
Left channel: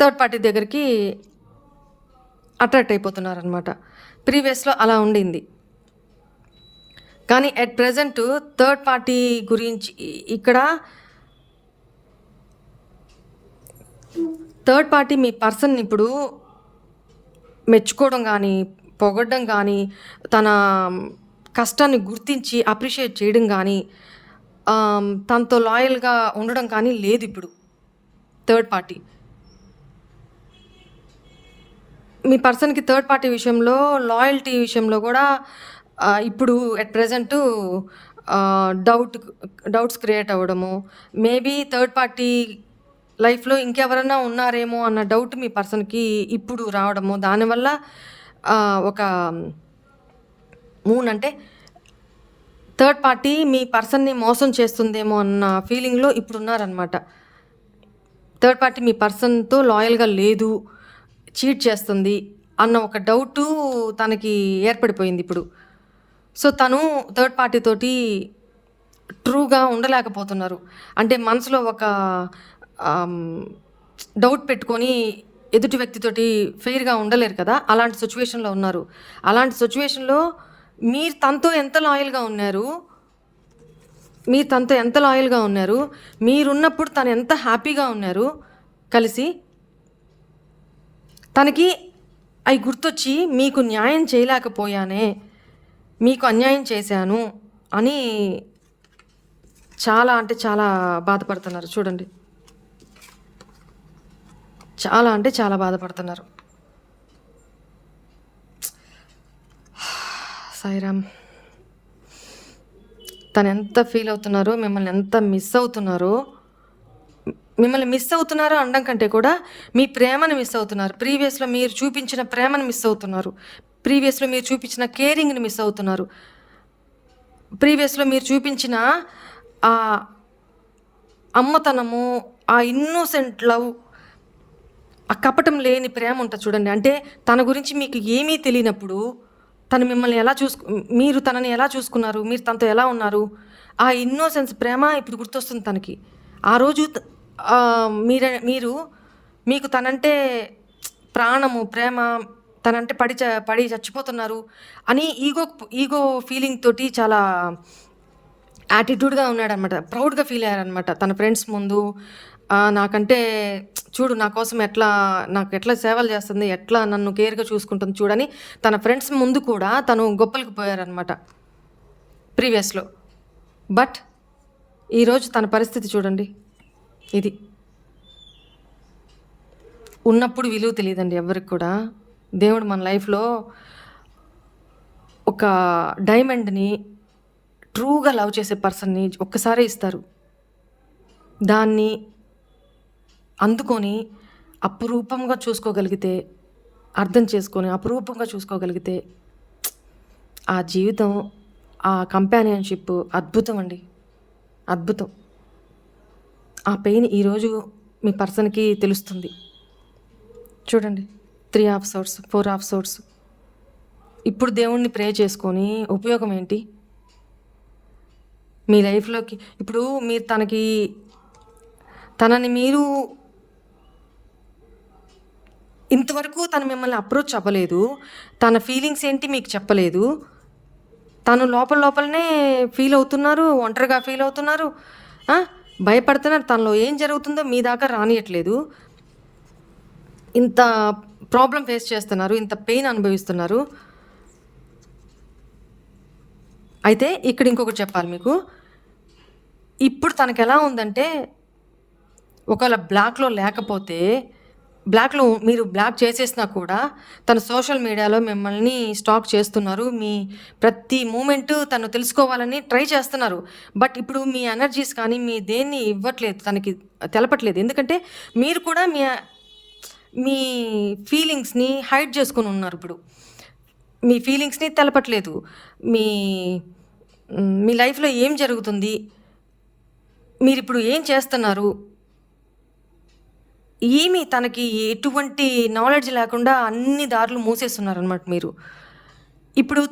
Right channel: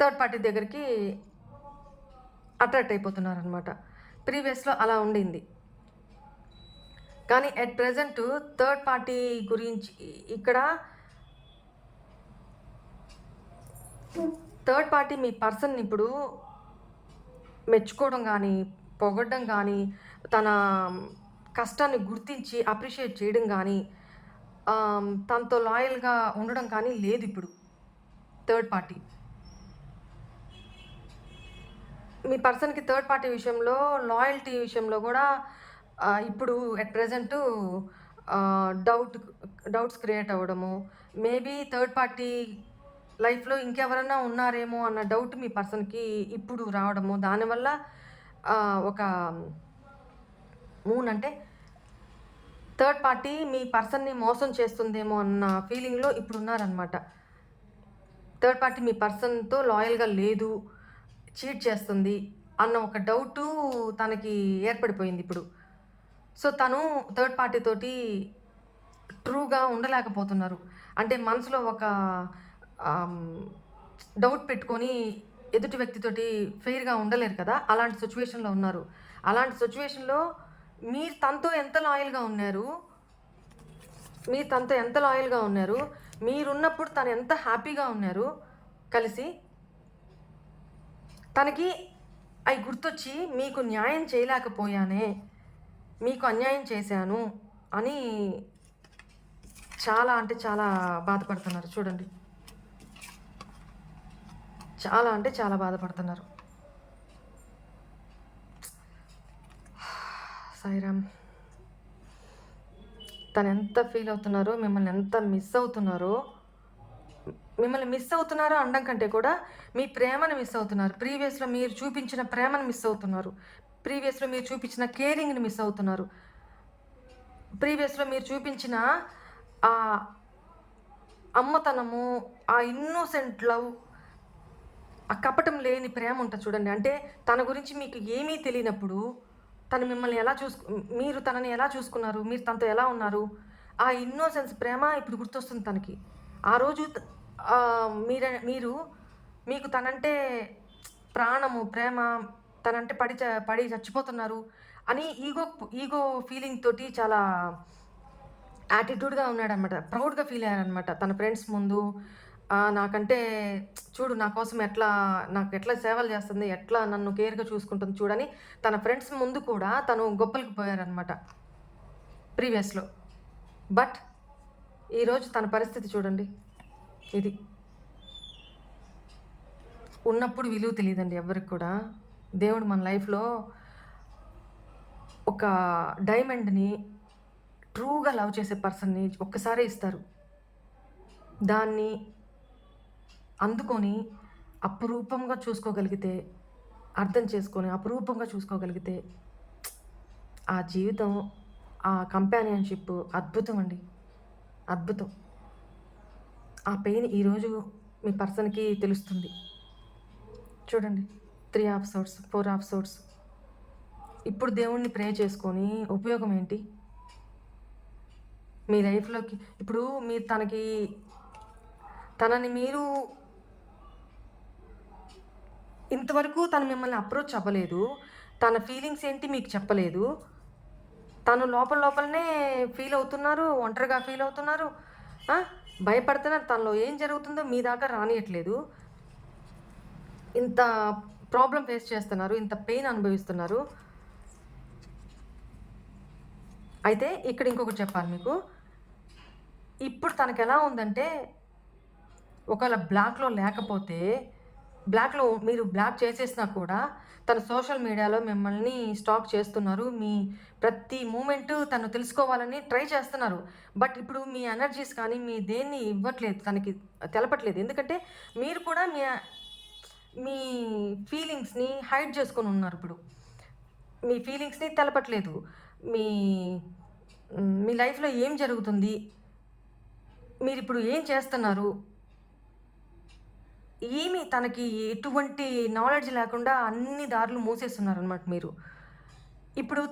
థర్డ్ పార్టీ దగ్గరికి అట్రాక్ట్ అయిపోతున్నారనమాట. ప్రీవియస్‌లో అలా ఉండింది. కానీ ఎట్ ప్రెజెంట్ థర్డ్ పార్టీ గురించి ఇక్కడ థర్డ్ పార్టీ మీ పర్సన్ ఇప్పుడు మెచ్చుకోవడం కానీ, పొగడడం కానీ, తన కష్టాన్ని గుర్తించి అప్రిషియేట్ చేయడం కానీ, తనతో లాయల్‌గా ఉండడం కానీ లేదు ఇప్పుడు థర్డ్ పార్టీ. మీ పర్సన్‌కి థర్డ్ పార్టీ విషయంలో, లాయల్టీ విషయంలో కూడా ఇప్పుడు ఎట్ ప్రెజెంటు డౌట్స్ క్రియేట్ అవ్వడము, మేబీ థర్డ్ పార్టీ లైఫ్‌లో ఇంకెవరన్నా ఉన్నారేమో అన్న డౌట్ మీ పర్సన్‌కి ఇప్పుడు రావడము. దానివల్ల ఒక మూన్ అంటే థర్డ్ పార్టీ మీ పర్సన్‌ని మోసం చేస్తుందేమో అన్న ఫీలింగ్‌లో ఇప్పుడున్నారనమాట. థర్డ్ పార్టీ మీ పర్సన్‌తో లాయల్‌గా లేదు, చీట్ చేస్తుంది అన్న ఒక డౌటు తనకి ఏర్పడిపోయిందిప్పుడు. సో, తను థర్డ్ పార్టీ తోటి ట్రూగా ఉండలేకపోతున్నారు. అంటే మనసులో ఒక ఆహ్, డౌట్ పెట్టుకొని ఎదుటి వ్యక్తితోటి ఫెయిర్‌గా ఉండలేరు కదా! అలాంటి సిట్యుయేషన్‌లో ఉన్నారు. అలాంటి సిట్యుయేషన్‌లో మీరు తనతో ఎంత లాయల్‌గా ఉన్నారు? మీరు తనతో ఎంత లాయల్‌గా ఉన్నారు? మీరున్నప్పుడు తను ఎంత హ్యాపీగా ఉన్నారు కలిసి? తనకి అయి గుర్తొచ్చి మీకు న్యాయం చేయలేకపోయానే, మీకు అన్యాయం చేశాను అని చాలా అంటే చాలా బాధపడుతున్నారు చూడండి. చాలా అంటే చాలా బాధపడుతున్నారు. సాయిరామ్. తనెంత ఫీల్ అవుతున్నారో, మిమ్మల్ని ఎంత మిస్ అవుతున్నారో, మిమ్మల్ని మిస్ అవుతున్నారో అనడం కంటే కూడా మీ ప్రేమను మిస్ అవుతున్నారు. ప్రీవియస్‌లో మీరు చూపించిన ప్రేమను మిస్ అవుతున్నారు. ప్రీవియస్‌లో మీరు చూపించిన కేరింగ్‌ని మిస్ అవుతున్నారు. ప్రీవియస్‌లో మీరు చూపించిన ఆహ్, అమ్మతనము, ఆ ఇన్నోసెంట్ లవ్, ఆ కపటం లేని ప్రేమ ఉంటది చూడండి. అంటే తన గురించి మీకు ఏమీ తెలియనప్పుడు, తను మిమ్మల్ని ఎలా మీరు తనని ఎలా చూసుకున్నారు? మీరు తనతో ఎలా ఉన్నారు? ఆ ఇన్నోసెన్స్ ప్రేమ ఇప్పుడు గుర్తొస్తుంది తనకి. ఆ రోజు మీరు మీకు తనంటే ప్రాణము, ప్రేమ, తనంటే పడి చచ్చిపోతున్నారు అని ఈగో ఫీలింగ్ తోటి చాలా యాటిట్యూడ్‌గా ఉన్నాడనమాట. ప్రౌడ్‌గా ఫీల్ అయ్యారనమాట. తన ఫ్రెండ్స్ ముందు నాకంటే చూడు నా కోసం నాకెట్లా సేవలు చేస్తుంది, ఎట్లా నన్ను కేర్‌గా చూసుకుంటుంది చూడని తన ఫ్రెండ్స్ ముందు కూడా తను గొప్పలకి పోయారనమాట ప్రీవియస్‌లో. బట్ ఈరోజు తన పరిస్థితి చూడండి. ఇది. ఉన్నప్పుడు విలువ తెలీదండి ఎవ్వరికి కూడా. దేవుడు మన లైఫ్‌లో ఒక డైమండ్‌ని ట్రూగా లవ్ చేసే పర్సన్‌ని ఒక్కసారే ఇస్తారు. దాన్ని అందుకొని అపురూపంగా చూసుకోగలిగితే, అర్థం చేసుకొని అపురూపంగా చూసుకోగలిగితే ఆ జీవితం, ఆ కంపానియన్‌షిప్ అద్భుతం అండి. అద్భుతం. ఆ పెయిన్ ఈరోజు మీ పర్సన్‌కి తెలుస్తుంది. చూడండి 3 హాఫ్ సోర్స్, 4 హాఫ్ సోర్స్. ఇప్పుడు దేవుడిని ప్రే చేసుకొని ఉపయోగం ఏంటి? మీ లైఫ్‌లోకి ఇప్పుడు మీరు తనని మీరు ఇంతవరకు తను మిమ్మల్ని అప్రోచ్ అవ్వలేదు. తన ఫీలింగ్స్ ఏంటి మీకు చెప్పలేదు. తను లోపలనే ఫీల్ అవుతున్నారు. ఒంటరిగా ఫీల్ అవుతున్నారు. ఆ! భయపడుతున్నారు. తనలో ఏం జరుగుతుందో మీ దాకా రానియట్లేదు. ఇంత ప్రాబ్లమ్ ఫేస్ చేస్తున్నారు. ఇంత పెయిన్ అనుభవిస్తున్నారు. అయితే ఇక్కడ ఇంకొకటి చెప్పాలి మీకు. ఇప్పుడు తనకెలా ఉందంటే ఒకవేళ బ్లాక్‌లో మీరు బ్లాక్ చేసేసినా కూడా తను సోషల్ మీడియాలో మిమ్మల్ని స్టాక్ చేస్తున్నారు. మీ ప్రతి మూమెంటు తను తెలుసుకోవాలని ట్రై చేస్తున్నారు. బట్ ఇప్పుడు మీ ఎనర్జీస్ కానీ, మీ దేన్ని ఇవ్వట్లేదు తనకి తెలపట్లేదు. ఎందుకంటే మీరు కూడా మీ ఫీలింగ్స్‌ని హైడ్ చేసుకొనున్నారిప్పుడు. మీ ఫీలింగ్స్‌ని తెలపట్లేదు. మీ మీ లైఫ్‌లో ఏం జరుగుతుంది? మీరిప్పుడు ఏం చేస్తున్నారు? తనకి ఎటువంటి నాలెడ్జ్ లేకుండా అన్ని దారులు మూసేస్తున్నారనమాట మీరు. ఇప్పుడు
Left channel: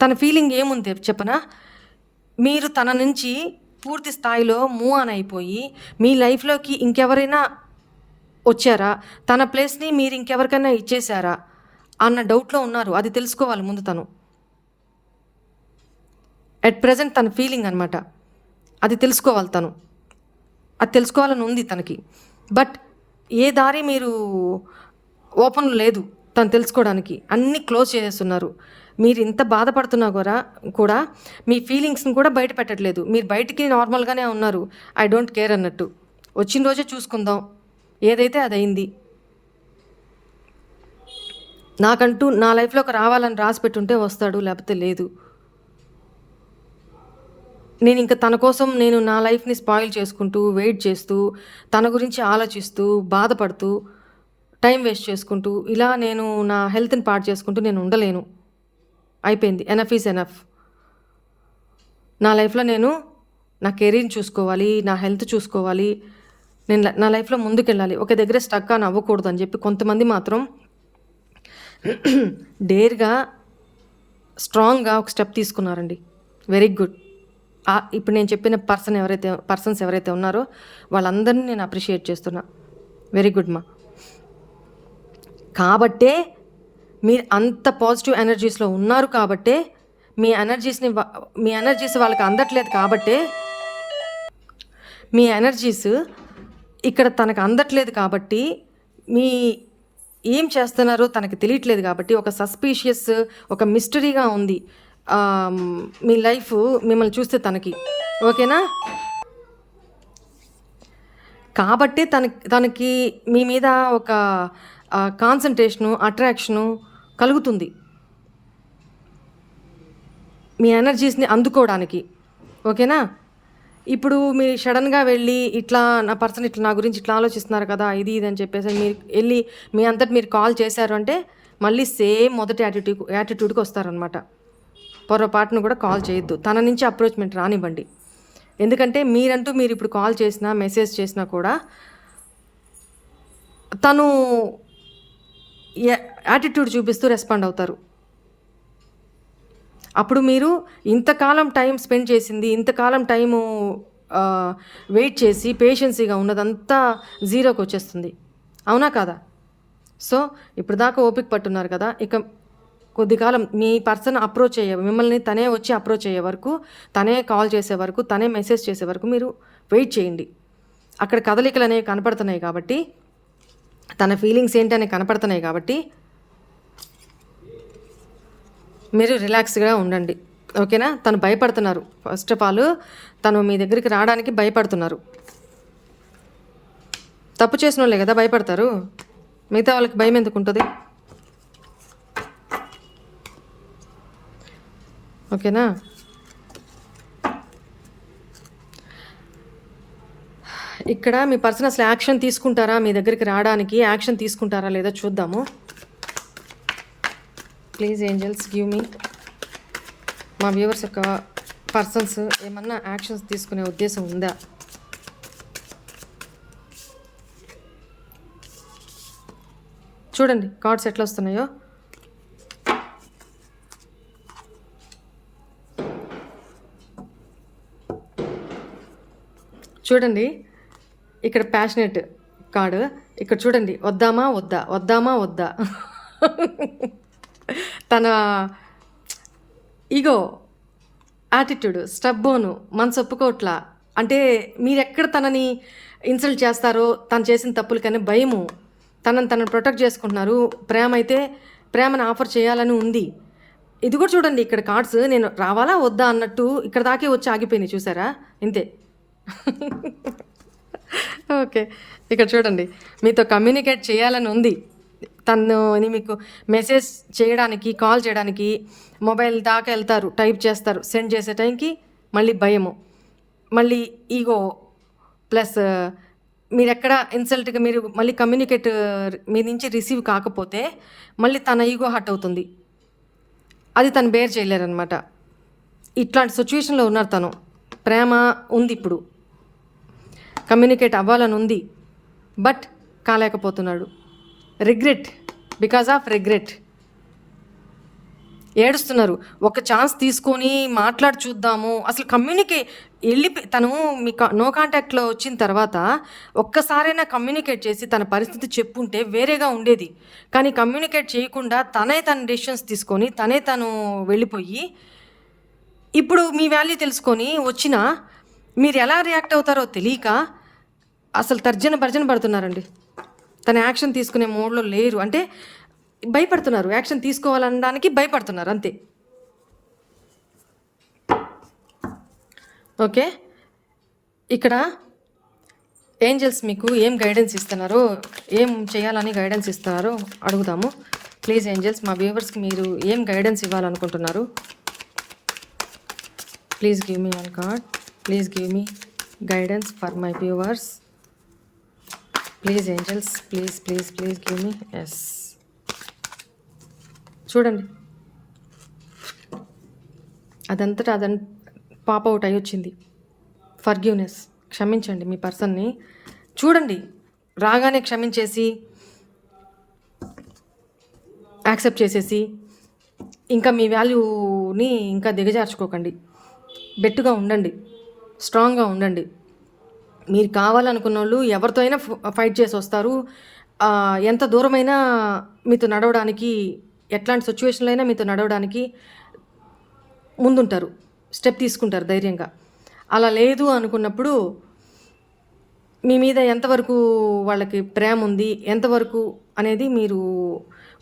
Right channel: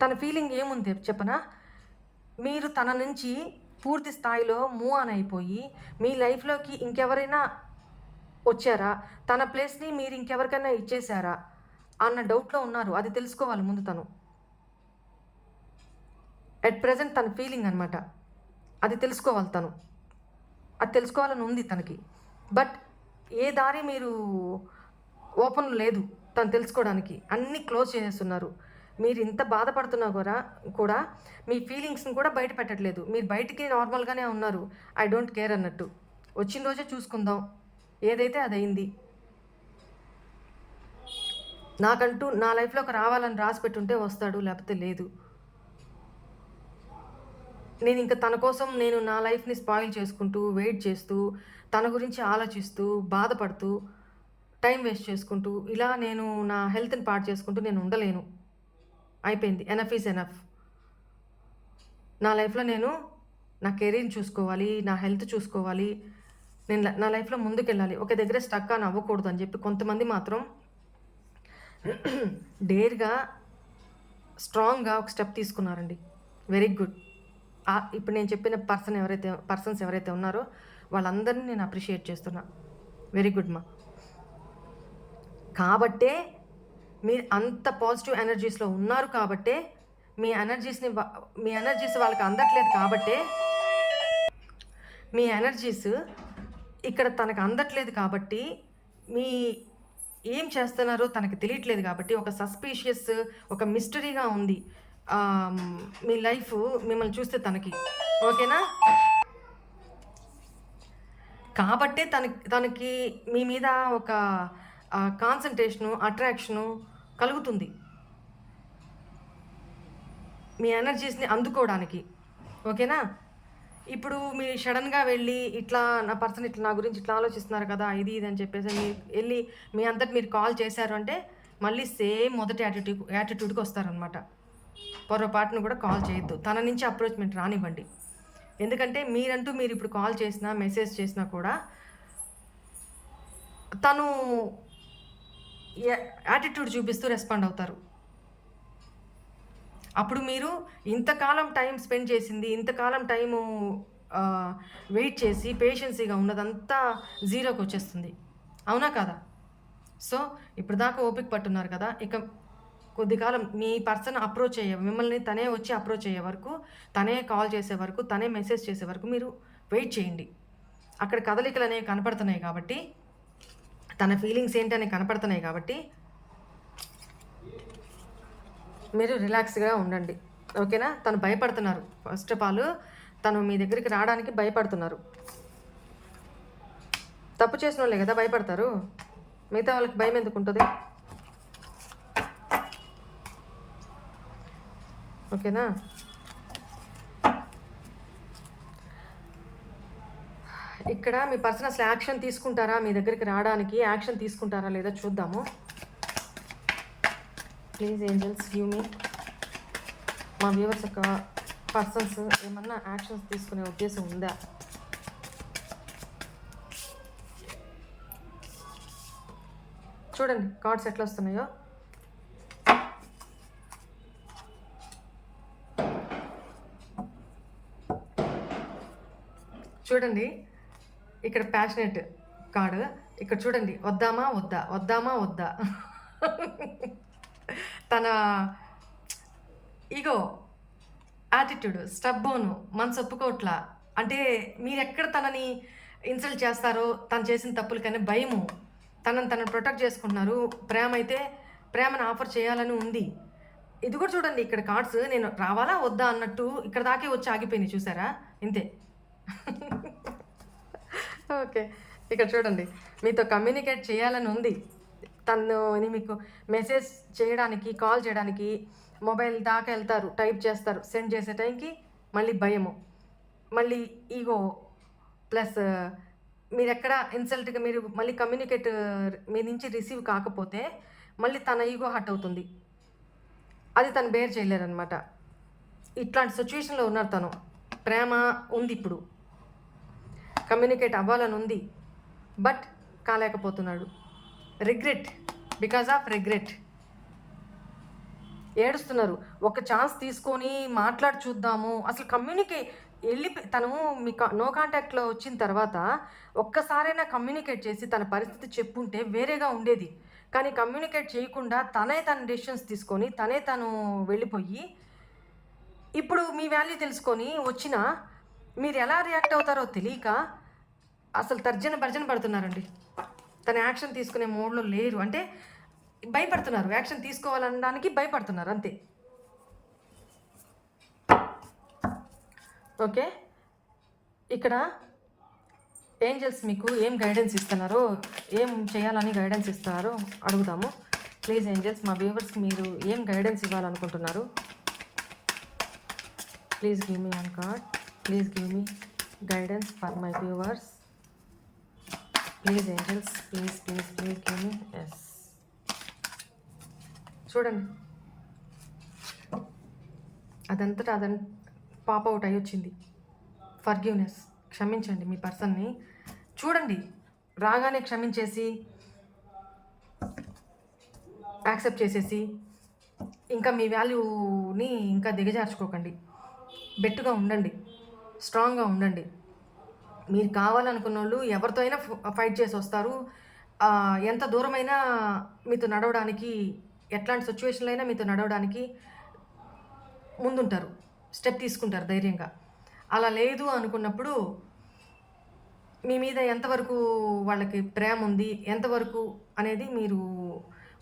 తన ఫీలింగ్ ఏముంది చెప్పనా? మీరు తన నుంచి పూర్తి స్థాయిలో మూవ్ ఆన్ అయిపోయి, మీ లైఫ్‌లోకి ఇంకెవరైనా వచ్చారా? తన ప్లేస్‌ని మీరు ఇంకెవరికైనా ఇచ్చేసారా? అన్న డౌట్‌లో ఉన్నారు. అది తెలుసుకోవాలి ముందు తను. అట్ ప్రెజెంట్ తన ఫీలింగ్ అనమాట. అది తెలుసుకోవాలి తను. అది తెలుసుకోవాలని ఉంది తనకి. బట్ ఏ దారి మీరు ఓపెన్ లేదు తను తెలుసుకోవడానికి. అన్నీ క్లోజ్ చేసేస్తున్నారు. మీరు ఇంత బాధపడుతున్నా కూడా మీ ఫీలింగ్స్‌ని కూడా బయట పెట్టట్లేదు. మీరు బయటికి నార్మల్‌గానే ఉన్నారు. ఐ డోంట్ కేర్ అన్నట్టు. వచ్చిన రోజే చూసుకుందాం. ఏదైతే అదయింది. నాకంటూ నా లైఫ్‌లోకి రావాలని రాసిపెట్టుంటే వస్తాడు. లేకపోతే లేదు. నేనింక తన కోసం నా లైఫ్‌ని స్పాయిల్ చేసుకుంటూ, వెయిట్ చేస్తూ, తన గురించి ఆలోచిస్తూ, బాధపడుతూ, టైం వేస్ట్ చేసుకుంటూ, ఇలా నా హెల్త్‌ని పాడు చేసుకుంటూ నేను ఉండలేను. అయిపోయింది. Enough is enough. నా లైఫ్లో నేను నా కెరీర్ని చూసుకోవాలి, నా హెల్త్ చూసుకోవాలి, నేను నా లైఫ్లో ముందుకెళ్ళాలి, ఒక దగ్గర స్టక్ అని అవ్వకూడదు అని చెప్పి కొంతమంది మాత్రం డేర్గా స్ట్రాంగ్గా ఒక స్టెప్ తీసుకున్నారండి. Very good. ఇప్పుడు నేను చెప్పిన పర్సన్స్ ఎవరైతే ఉన్నారో వాళ్ళందరినీ నేను అప్రిషియేట్ చేస్తున్నా. వెరీ గుడ్ మా. కాబట్టే మీరు అంత పాజిటివ్ ఎనర్జీస్లో ఉన్నారు కాబట్టే మీ ఎనర్జీస్ వాళ్ళకి అందట్లేదు కాబట్టే మీ ఎనర్జీస్ ఇక్కడ తనకు అందట్లేదు కాబట్టి మీ ఏం చేస్తున్నారో తనకి తెలియట్లేదు కాబట్టి ఒక సస్పీషియస్, ఒక మిస్టరీగా ఉంది మీ లైఫ్ మిమ్మల్ని చూస్తే తనకి. ఓకేనా? కాబట్టే తనకి మీ మీద ఒక కాన్సన్ట్రేషను, అట్రాక్షను కలుగుతుంది మీ ఎనర్జీస్ని అందుకోవడానికి. ఓకేనా? ఇప్పుడు మీరు సడన్గా వెళ్ళి ఇట్లా నా పర్సన్ ఇట్లా నా గురించి ఇట్లా ఆలోచిస్తున్నారు కదా, ఇది అని చెప్పేసి మీరు వెళ్ళి మీ అంతటి మీరు కాల్ చేశారు అంటే మళ్ళీ సేమ్ మొదటి యాటిట్యూడ్కి వస్తారనమాట. పొరపాటును కూడా కాల్ చేయొద్దు. తన నుంచి అప్రోచ్మెంట్ రానివ్వండి. ఎందుకంటే మీరు ఇప్పుడు కాల్ చేసినా మెసేజ్ చేసినా కూడా తను యాటిట్యూడ్ చూపిస్తూ రెస్పాండ్ అవుతారు. అప్పుడు మీరు ఇంతకాలం టైం స్పెండ్ చేసింది, ఇంతకాలం టైము వెయిట్ చేసి పేషెన్సీగా ఉన్నదంతా జీరోకి వచ్చేస్తుంది. అవునా కాదా? సో ఇప్పుడు దాకా ఓపిక పట్టున్నారు కదా, ఇక కొద్ది కాలం మీ పర్సన్ మిమ్మల్ని తనే వచ్చి అప్రోచ్ అయ్యే వరకు, తనే కాల్ చేసే వరకు, తనే మెసేజ్ చేసే వరకు మీరు వెయిట్ చేయండి. అక్కడ కదలికలు అనేవి కనపడుతున్నాయి కాబట్టి, తన ఫీలింగ్స్ ఏంటనే కనపడుతున్నాయి కాబట్టి మీరు రిలాక్స్గా ఉండండి. ఓకేనా? తను భయపడుతున్నారు. ఫస్ట్ ఆఫ్ ఆల్ తను మీ దగ్గరికి రావడానికి భయపడుతున్నారు. తప్పు చేసిన వాళ్ళే కదా భయపడతారు, మిగతా వాళ్ళకి భయం ఎందుకు ఉంటుంది? ఓకేనా? ఇక్కడ మీ పర్సన్ అసలు యాక్షన్ తీసుకుంటారా, మీ దగ్గరికి రావడానికి యాక్షన్ తీసుకుంటారా లేదా చూద్దాము. Please angels give me. మా వ్యూవర్స్ యొక్క పర్సన్స్ ఏమన్నా యాక్షన్స్ తీసుకునే ఉద్దేశం ఉందా? చూడండి కార్డ్స్ ఎట్లా వస్తున్నాయో. చూడండి ఇక్కడ ప్యాషనేట్ కార్డు, ఇక్కడ చూడండి వద్దామా వద్దా, వద్దామా వద్దా. తన ఈగో, యాటిట్యూడ్, స్టబ్బోను, మనసు ఒప్పుకోవట్లా. అంటే మీరెక్కడ తనని ఇన్సల్ట్ చేస్తారో, తను చేసిన తప్పులకనే భయము, తనను ప్రొటెక్ట్ చేసుకుంటున్నారు. ప్రేమ అయితే ప్రేమను ఆఫర్ చేయాలని ఉంది. ఇది కూడా చూడండి ఇక్కడ కార్డ్స్, నేను రావాలా వద్దా అన్నట్టు ఇక్కడ దాకే వచ్చి ఆగిపోయినాయి. చూసారా? ఇంతే. ఓకే, ఇక్కడ చూడండి మీతో కమ్యూనికేట్ చేయాలని ఉంది. తనని మీకు మెసేజ్ చేయడానికి, కాల్ చేయడానికి మొబైల్ దాకా వెళ్తారు, టైప్ చేస్తారు. సెండ్ చేసే టైంకి మళ్ళీ భయము, మళ్ళీ ఈగో, ప్లస్ మీరు ఎక్కడ ఇన్సల్ట్గా మీరు మళ్ళీ కమ్యూనికేట్ మీ నుంచి రిసీవ్ కాకపోతే మళ్ళీ తన ఈగో హర్ట్ అవుతుంది. అది తను బేర్ చేయలేరనమాట. ఇట్లాంటి సిచ్యువేషన్లో ఉన్నారు తను. ప్రేమ ఉంది, ఇప్పుడు కమ్యూనికేట్ అవ్వాలని ఉంది, బట్ కాలేకపోతున్నాడు. రిగ్రెట్, బికాజ్ ఆఫ్ రిగ్రెట్ ఏడుస్తున్నారు. ఒక ఛాన్స్ తీసుకొని మాట్లాడి చూద్దాము. అసలు తను మీ నో కాంటాక్ట్లో వచ్చిన తర్వాత ఒక్కసారైనా కమ్యూనికేట్ చేసి తన పరిస్థితి చెప్పుంటే వేరేగా ఉండేది. కానీ కమ్యూనికేట్ చేయకుండా తన డెసిషన్స్ తీసుకొని తను వెళ్ళిపోయి, ఇప్పుడు మీ వాల్యూ తెలుసుకొని వచ్చినా మీరు ఎలా రియాక్ట్ అవుతారో తెలియక అసలు భర్జన పడుతున్నారండి. తన యాక్షన్ తీసుకునే మోడ్లో లేరు. అంటే భయపడుతున్నారు, యాక్షన్ తీసుకోవాలనడానికి భయపడుతున్నారు అంతే. ఓకే, ఇక్కడ ఏంజల్స్ మీకు ఏం గైడెన్స్ ఇస్తున్నారో, ఏం చేయాలని గైడెన్స్ ఇస్తున్నారో అడుగుదాము. ప్లీజ్ ఏంజల్స్, మా వ్యూవర్స్కి మీరు ఏం గైడెన్స్ ఇవ్వాలనుకుంటున్నారు? Please give me one card. Please give me guidance for my viewers. Please angels, please please please give me. Yes, చూడండి అదంతటా పాప్ అవుట్ అయ్యొచ్చింది. ఫర్గివ్నెస్, క్షమించండి మీ పర్సన్ని. చూడండి, రాగానే క్షమించేసి యాక్సెప్ట్ చేసేసి ఇంకా మీ వాల్యూని ఇంకా దిగజార్చుకోకండి. బెట్టుగా ఉండండి, స్ట్రాంగ్గా ఉండండి. మీరు కావాలనుకున్న వాళ్ళు ఎవరితో అయినా ఫైట్ చేసి వస్తారు. ఎంత దూరమైనా మీతో నడవడానికి, ఎట్లాంటి సిచ్యువేషన్లో అయినా మీతో నడవడానికి ముందుంటారు, స్టెప్ తీసుకుంటారు ధైర్యంగా. అలా లేదు అనుకున్నప్పుడు మీ మీద ఎంతవరకు వాళ్ళకి ప్రేమ ఉంది, ఎంతవరకు అనేది మీరు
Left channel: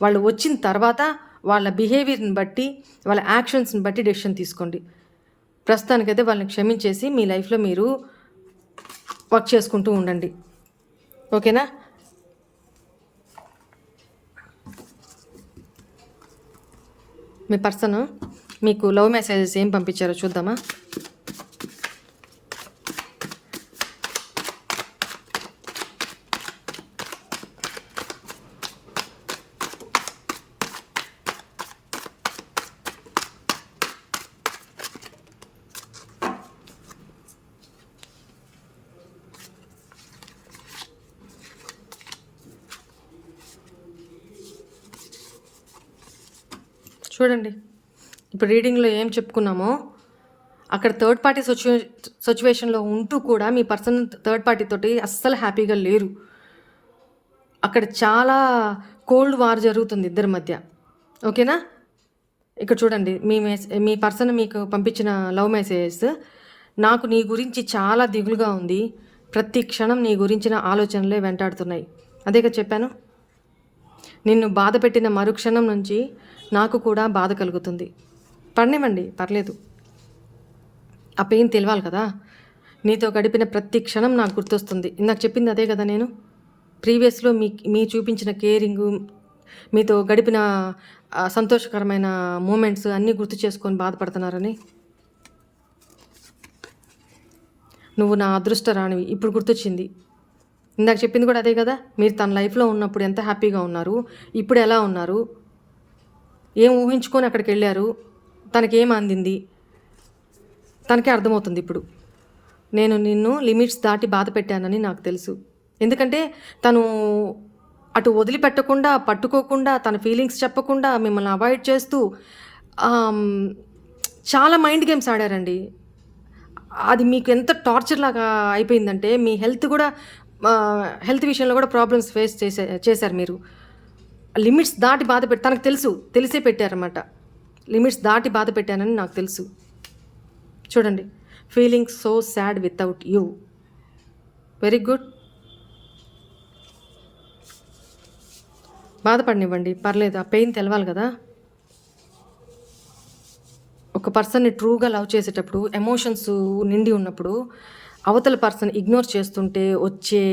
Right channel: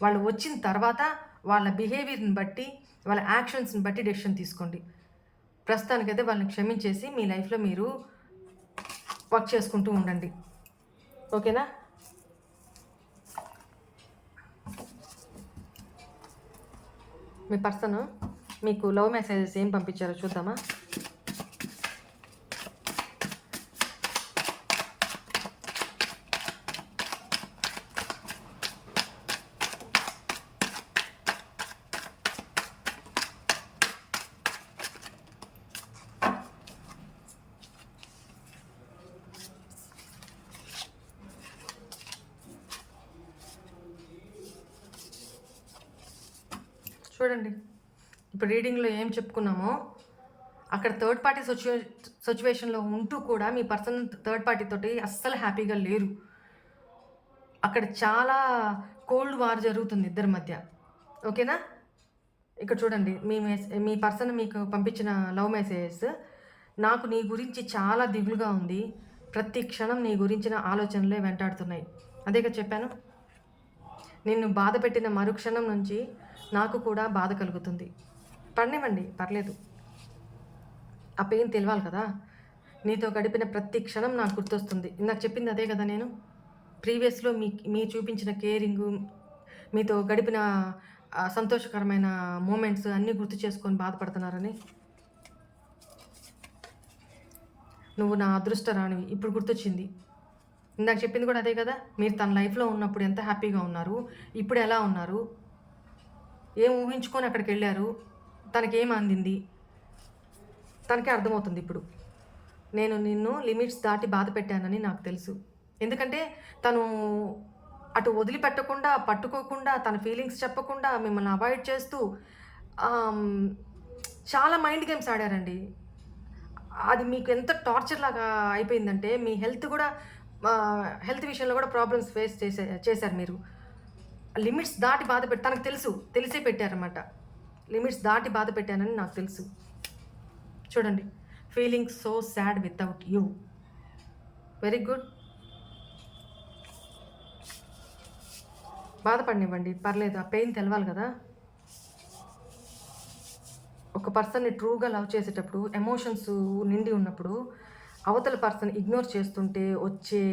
వాళ్ళు వచ్చిన తర్వాత వాళ్ళ బిహేవియర్ని బట్టి, వాళ్ళ యాక్షన్స్ని బట్టి డెసిషన్ తీసుకోండి. ప్రస్తుతానికైతే వాళ్ళని క్షమించేసి మీ లైఫ్లో మీరు వర్క్ చేసుకుంటూ ఉండండి. ఓకేనా? మీ పర్సన్ మీకు లవ్ మెసేజెస్ ఏం పంపించారో చూద్దామా? చూడండి, ఇప్పుడు రీడింగ్లో ఏం చెప్పుకున్నామో అక్కడ థర్డ్ పార్టీ సిచ్యువేషన్లో ఉంటూ కూడా మీ పర్సన్ థర్డ్ పార్టీ తోటి అస్సలు హ్యాపీగా లేరు. అక్కడ చాలా కోల్డ్ వార్ జరుగుతుంది ఇద్దరి మధ్య. ఓకేనా? ఇక్కడ చూడండి, మీ పర్సన్ మీకు పంపించిన లవ్ మెసేజెస్. నాకు నీ గురించి చాలా దిగులుగా ఉంది, ప్రతి క్షణం నీ గురించిన ఆలోచనలే వెంటాడుతున్నాయి. అదేగా చెప్పాను. నిన్ను బాధ పెట్టిన మరుక్షణం నుంచి నాకు కూడా బాధ కలుగుతుంది. పడనివ్వండి, పర్లేదు. ఆ పెయిన్ తెలవాలి కదా. నీతో గడిపిన ప్రతి క్షణం నాకు గుర్తొస్తుంది. ఇందాక చెప్పింది అదే కదా నేను. ప్రీవియస్లో మీ చూపించిన కేరింగు, మీతో గడిపిన సంతోషకరమైన మూమెంట్స్ అన్నీ గుర్తు చేసుకొని బాధపడుతున్నారని. నువ్వు నా అదృష్టరానివి, ఇప్పుడు గుర్తొచ్చింది. ఇందాక చెప్పింది కూడా అదే కదా. మీరు తన లైఫ్లో ఉన్నప్పుడు ఎంత హ్యాపీగా ఉన్నారు, ఇప్పుడు ఎలా ఉన్నారు, ఏం ఊహించుకొని అక్కడికి వెళ్ళారు, తనకేం అందింది, తనకే అర్థమవుతుంది ఇప్పుడు. నేను నిన్ను లిమిట్స్ దాటి బాధ పెట్టానని నాకు తెలుసు. ఎందుకంటే తను అటు వదిలిపెట్టకుండా, పట్టుకోకుండా, తన ఫీలింగ్స్ చెప్పకుండా, మిమ్మల్ని అవాయిడ్ చేస్తూ చాలా మైండ్ గేమ్స్ ఆడారండి. అది మీకు ఎంత టార్చర్ లాగా అయిపోయిందంటే మీ హెల్త్ విషయంలో కూడా ప్రాబ్లమ్స్ ఫేస్ చేశారు మీరు. లిమిట్స్ దాటి బాధ తనకు తెలుసు, తెలిసే పెట్టారన్నమాట. లిమిట్స్ దాటి బాధ పెట్టానని నాకు తెలుసు. చూడండి, feeling so sad without you. Very good. బాధపడనివ్వండి, పర్లేదు. ఆ పెయిన్ తెలవాలి కదా. ఒక పర్సన్ని ట్రూగా లవ్ చేసేటప్పుడు, ఎమోషన్స్ నిండి ఉన్నప్పుడు అవతల పర్సన్ ఇగ్నోర్ చేస్తుంటే వచ్చే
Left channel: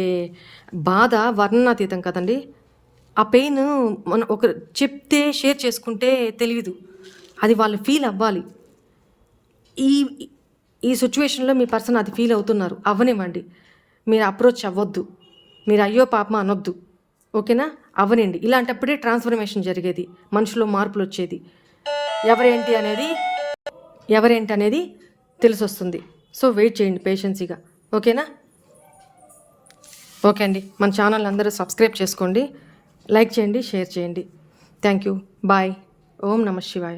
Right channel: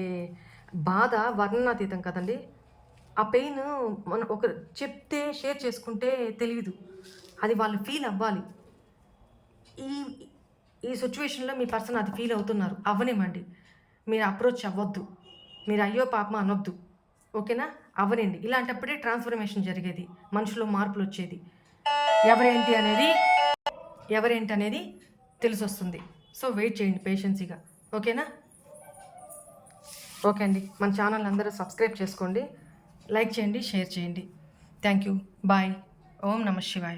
బాధ వర్ణనాతీతం కదండి. ఆ పెయిన్ మనం ఒక చెప్తే, షేర్ చేసుకుంటే తెలియదు, అది వాళ్ళు ఫీల్ అవ్వాలి. ఈ ఈ సిచ్యువేషన్లో మీ పర్సన్ అది ఫీల్ అవుతున్నారు, అవ్వనివ్వండి. మీరు అప్రోచ్ అవ్వద్దు, మీరు అయ్యో పాపమా అనొద్దు. ఓకేనా? అవ్వనండి. ఇలాంటప్పుడే ట్రాన్స్ఫర్మేషన్ జరిగేది, మనుషులో మార్పులు వచ్చేది. ఎవరేంటి అనేది తెలిసొస్తుంది. సో వెయిట్ చేయండి పేషెన్సీగా. ఓకేనా? ఓకే అండి, మన ఛానల్ అందరూ సబ్స్క్రైబ్ చేసుకోండి, లైక్ చేయండి, షేర్ చేయండి. Thank you. బాయ్. ఓం నమః శివాయ.